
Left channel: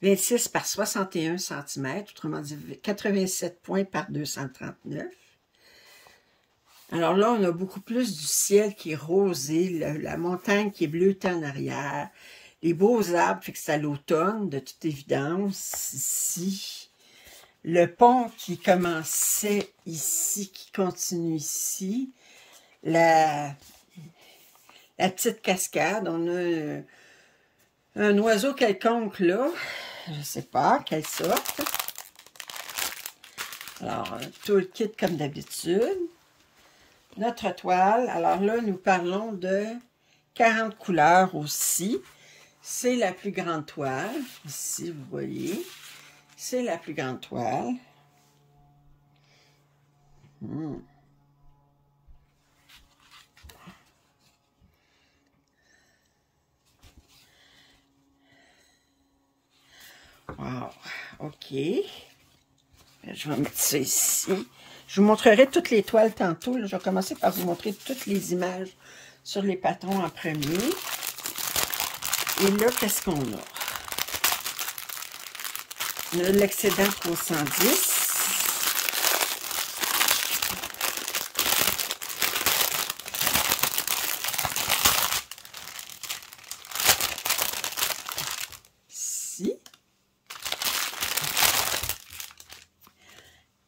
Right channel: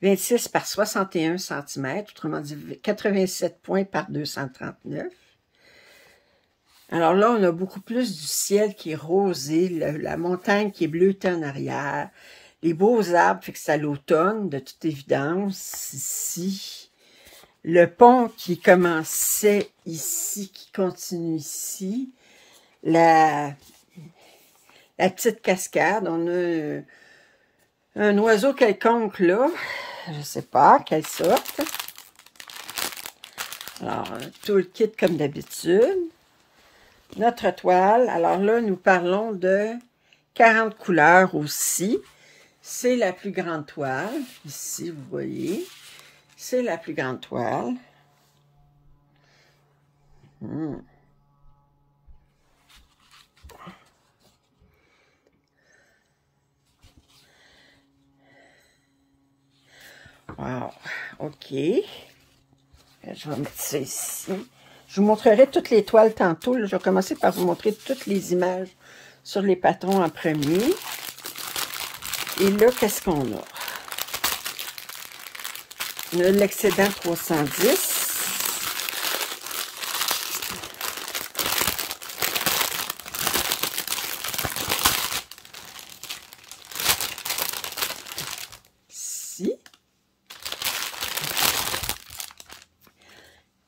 26 par 61 cm, autrement dit 87 points par 239. Alors là, on a beaucoup plus du ciel qui est rosé, la montagne qui est bleutée en arrière, les beaux arbres, fait que c'est à l'automne, de toute évidence, ici. Le pont qui commençait ici, qui continue ici. La petite cascade, on a un oiseau quelconque là, je ne sais pas, quelle sorte. Alors, tout le kit comme d'habitude. Notre toile, alors là, nous parlons de 40 couleurs aussi. C'est la plus grande toile, ici, vous voyez. C'est la plus grande toile. Wow, OK. Je vais mettre ça ici. Je vous montrerai toutes les toiles tantôt. Là, je vais commencer par vous montrer toutes les images sur les patrons en premier. Et là, qu'est-ce qu'on a? On a l'excédent 310. Ici.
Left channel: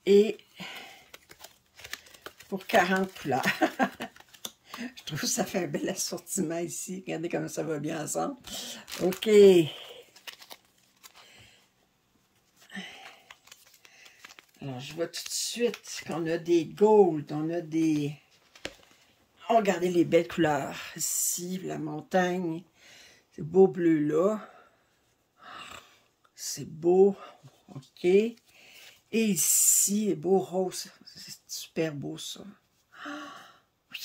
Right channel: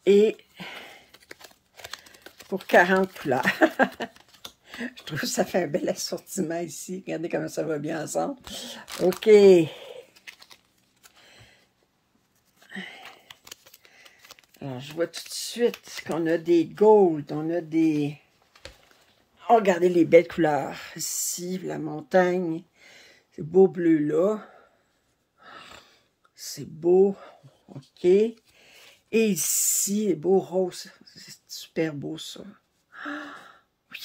Et pour 40 couleurs. Je trouve que ça fait un bel assortiment ici. Regardez comment ça va bien ensemble. OK. Alors, je vois tout de suite qu'on a des gold, on a des... Oh, regardez les belles couleurs. Ici, la montagne. C'est beau bleu là. C'est beau. OK. Et ici, beau rose. C'est super beau ça. Oui.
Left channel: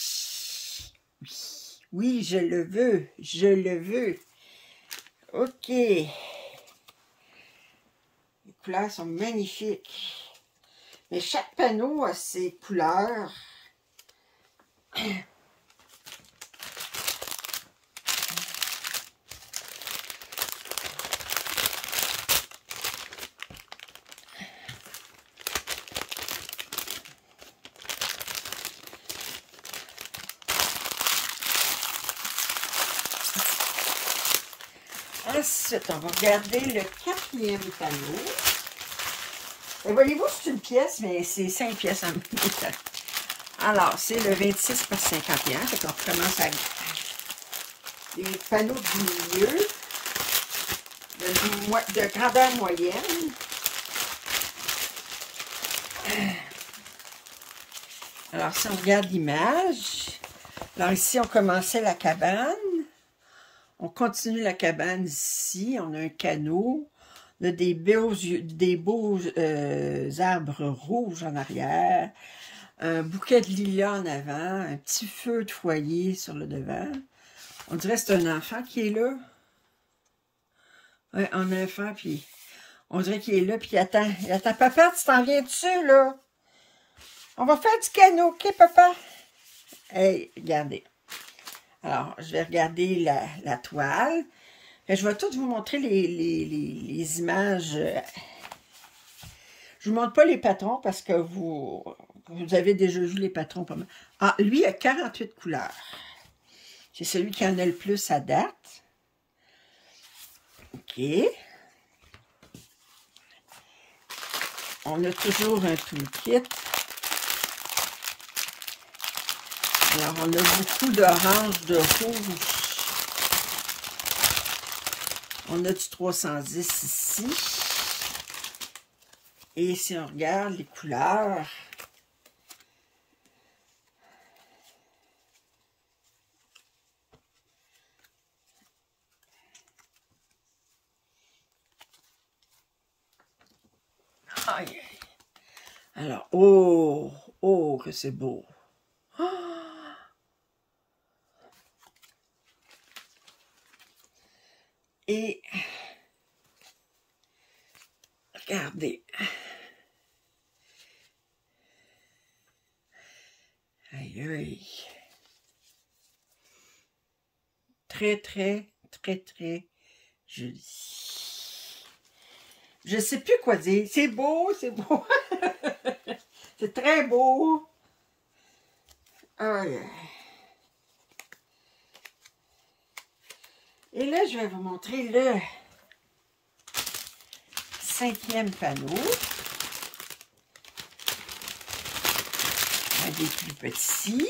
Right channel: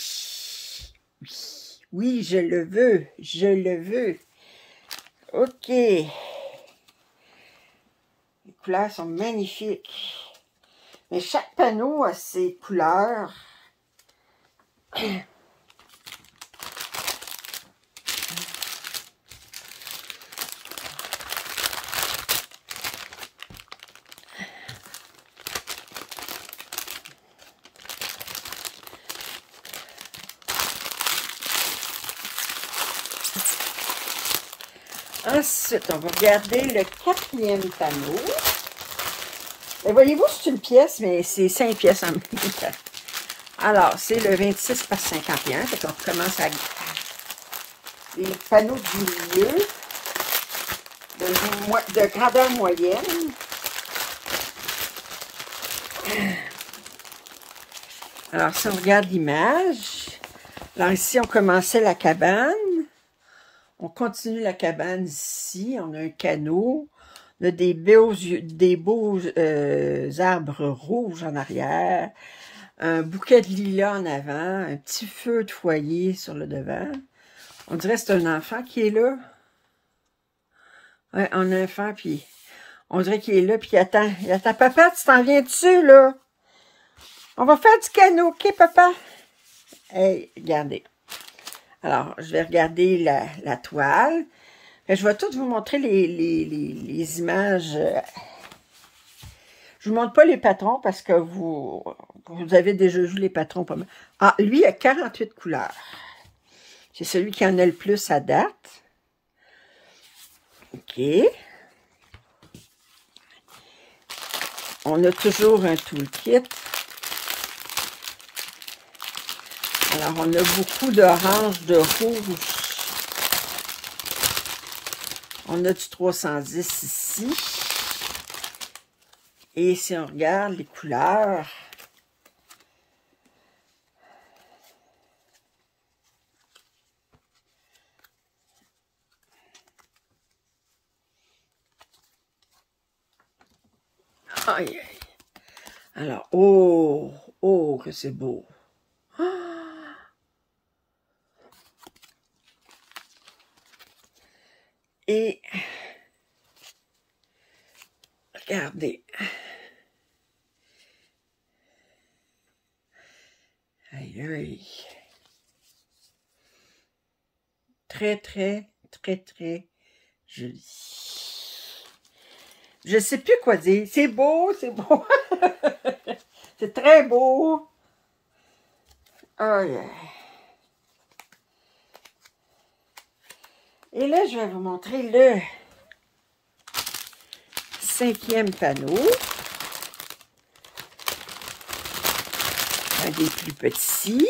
Oui. Oui, je le veux. Je le veux. OK. Les couleurs sont magnifiques. Mais chaque panneau a ses couleurs. Ensuite, on va regarder le 4e panneau. Et voyez-vous, c'est une pièce, mais c'est 5 pièces en même temps. Alors, c'est le 26 par 51. Fait qu'on commence à... Le panneau du milieu, de grandeur moyenne. Alors, si on regarde l'image, alors ici, on commençait la cabane. On continue la cabane ici. On a un canot. On a des beaux arbres rouges en arrière. Un bouquet de lilas en avant. Un petit feu de foyer sur le devant. On dirait que c'est un enfant qui est là. Ouais, un enfant, puis on dirait qu'il est là, puis il attend. Il attend. Papa, tu t'en viens dessus, là? On va faire du canot, OK, papa? Hey, regardez. Alors, je vais regarder la toile. Je vais tout vous montrer les images. Je ne vous montre pas les patrons parce que vous avez déjà vu les patrons pas mal. Ah, lui a 48 couleurs. C'est celui qui en a le plus à date. OK. On a toujours un toolkit. Alors, on a beaucoup d'orange, de rouge. On a du 310 ici. Et si on regarde les couleurs, aïe, aïe. Alors, oh, oh, que c'est beau. Et regardez. Aïe, aïe. Très, très, très, très joli. Je sais plus quoi dire. C'est beau, c'est beau. C'est très beau. Aïe, aïe. Et là, je vais vous montrer le 5e panneau. Un des plus petits.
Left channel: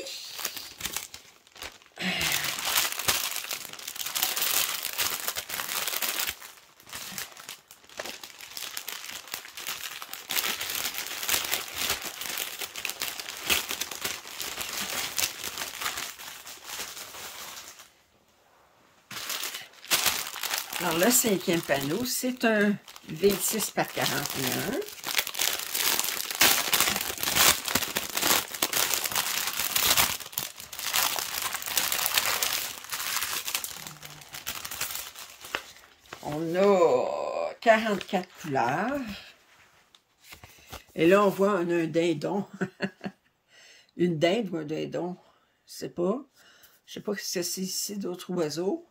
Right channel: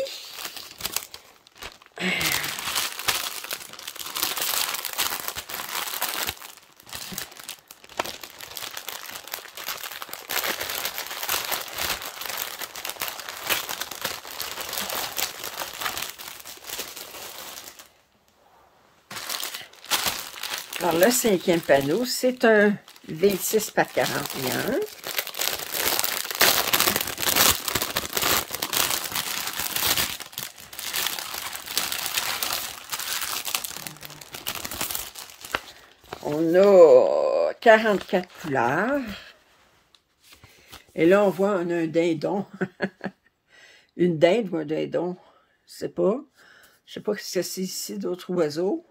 Alors, le 5e panneau, c'est un 26 par 41. On a 44 couleurs. Et là, on voit, on a un dindon. Une dinde ou un dindon, je sais pas. Je sais pas ce que c'est ici, d'autres oiseaux.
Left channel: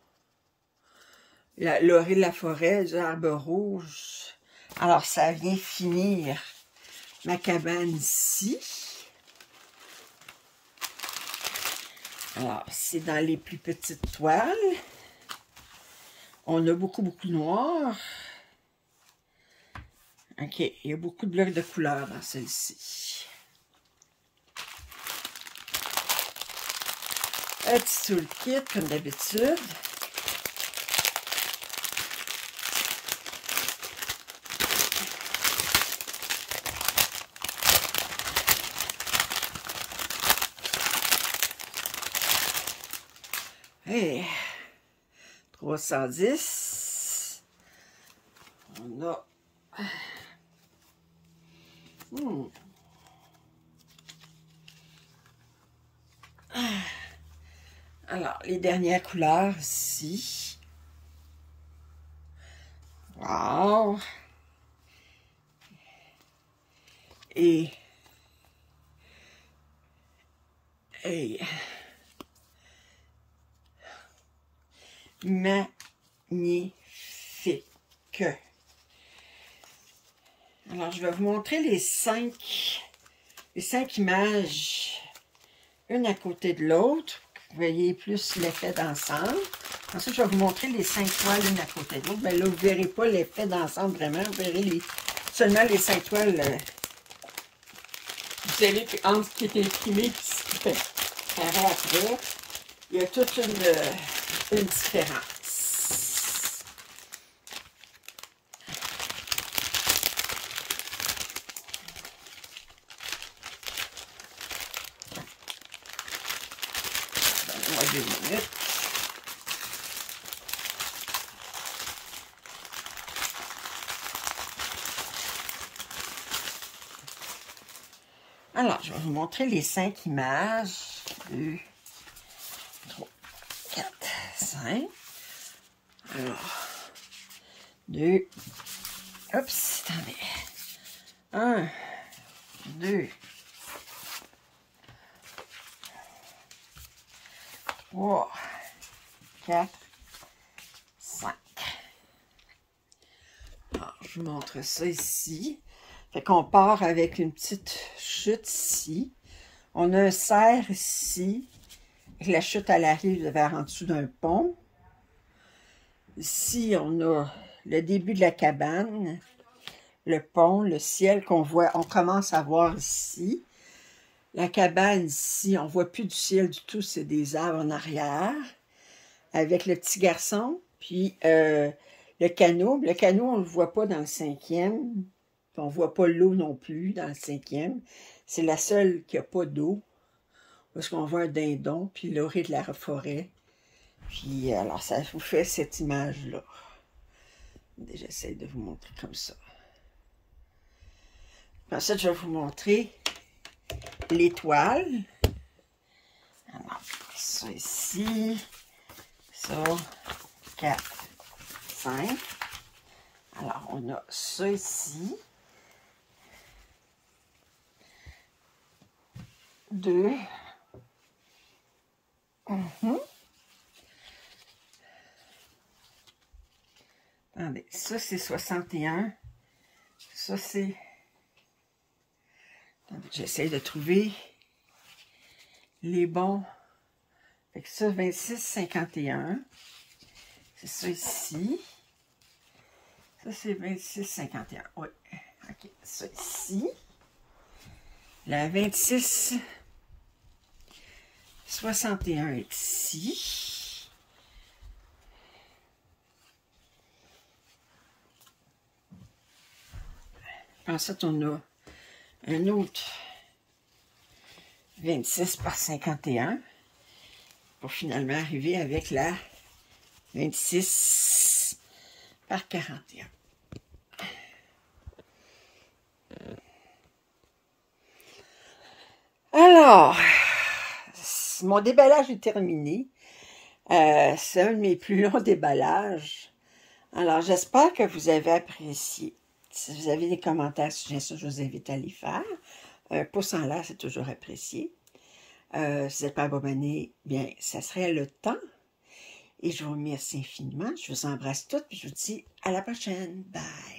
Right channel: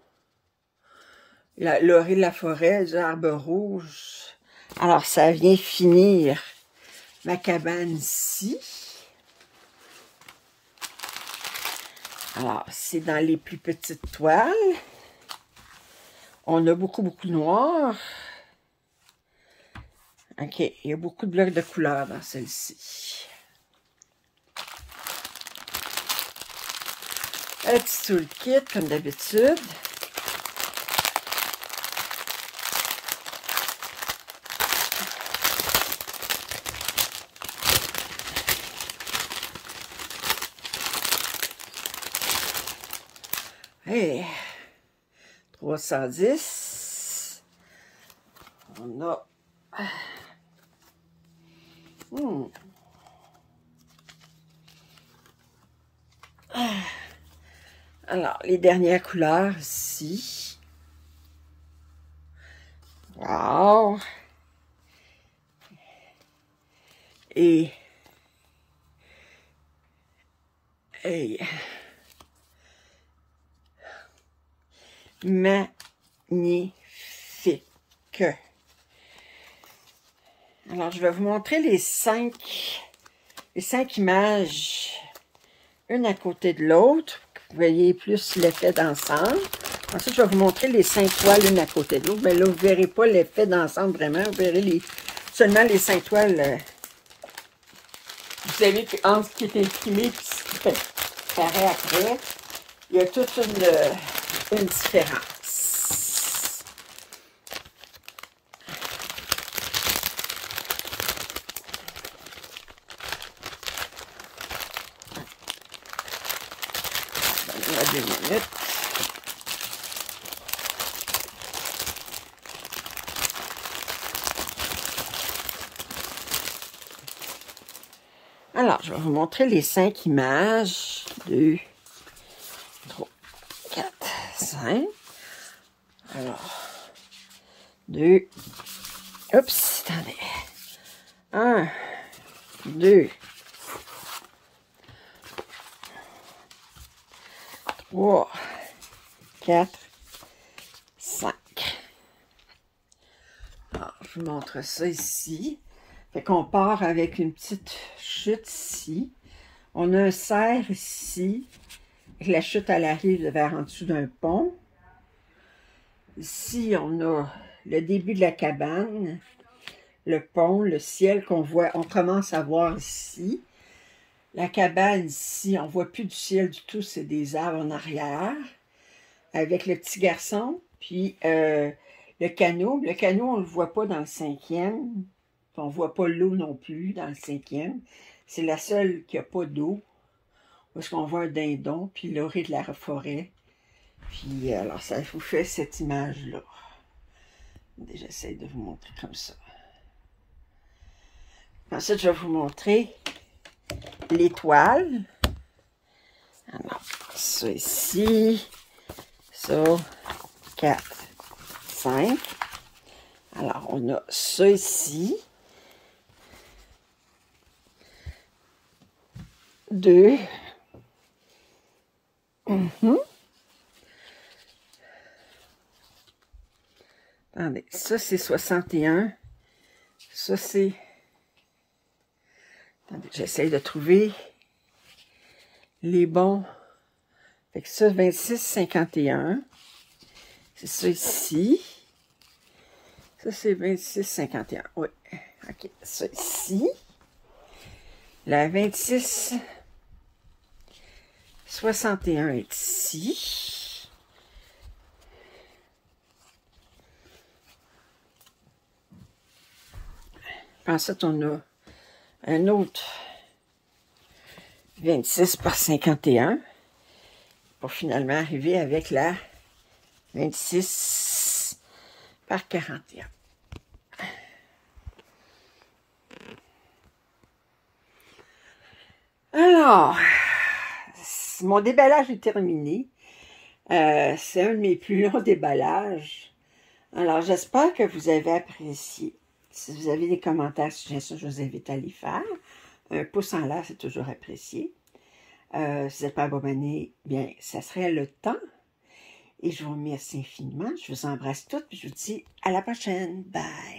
L'orée de la forêt, les arbres rouges. Alors, ça vient finir ma cabane ici. Alors, c'est dans les plus petites toiles. On a beaucoup de noir. OK, il y a beaucoup de blocs de couleurs dans celle-ci. Un petit toolkit, comme d'habitude. Hey, 310. On a... Alors, les dernières couleurs ici. Wow! Et magnifique. Alors, je vais vous montrer les cinq images, une à côté de l'autre. Vous voyez plus l'effet d'ensemble. Ensuite, je vais vous montrer les 5 toiles, une à côté de l'autre. Mais là, vous ne verrez pas l'effet d'ensemble vraiment. Vous verrez seulement les 5 toiles. Vous savez entre ce qui est imprimé et ce qui paraît après, il y a toute une différence. À 2 minutes. Alors, je vais vous montrer les 5 images. 2, 3, 4, 5. Alors, 2. Oups, attendez. 1, 2, 3, 4, 5. Alors, je vous montre ça ici. Fait qu'on part avec une petite chute ici. On a un cerf ici. La chute, elle arrive vers en dessous d'un pont. Ici, on a le début de la cabane, le pont, le ciel qu'on voit, on commence à voir ici. La cabane ici, on ne voit plus du ciel du tout, c'est des arbres en arrière. Avec le petit garçon, puis le canot. Le canot, on ne le voit pas dans le 5e. On ne voit pas l'eau non plus dans le 5e. C'est la seule qui n'a pas d'eau. Parce qu'on voit un dindon, puis l'orée de la forêt. Puis, alors, ça vous fait cette image-là. J'essaie de vous montrer comme ça. Ensuite, je vais vous montrer l'étoile. Alors, ça ici. Ça, 4, 5. Alors, on a ça ici. 2. Attendez, ça c'est 61. Ça c'est... Attendez, j'essaie de trouver les bons. Fait que ça, 26, 51. C'est ça ici. Ça c'est 26, 51. Oui. OK, ça ici. La 26, 61 est ici. Ensuite, on a un autre 26 par 51 pour finalement arriver avec la 26 par 41. Alors, mon déballage est terminé. C'est un de mes plus longs déballages. Alors, j'espère que vous avez apprécié. Si vous avez des commentaires, suggestions, je vous invite à les faire. Un pouce en l'air, c'est toujours apprécié. Si vous n'êtes pas abonné, bien, ça serait le temps. Et je vous remercie infiniment. Je vous embrasse toutes et je vous dis à la prochaine. Bye!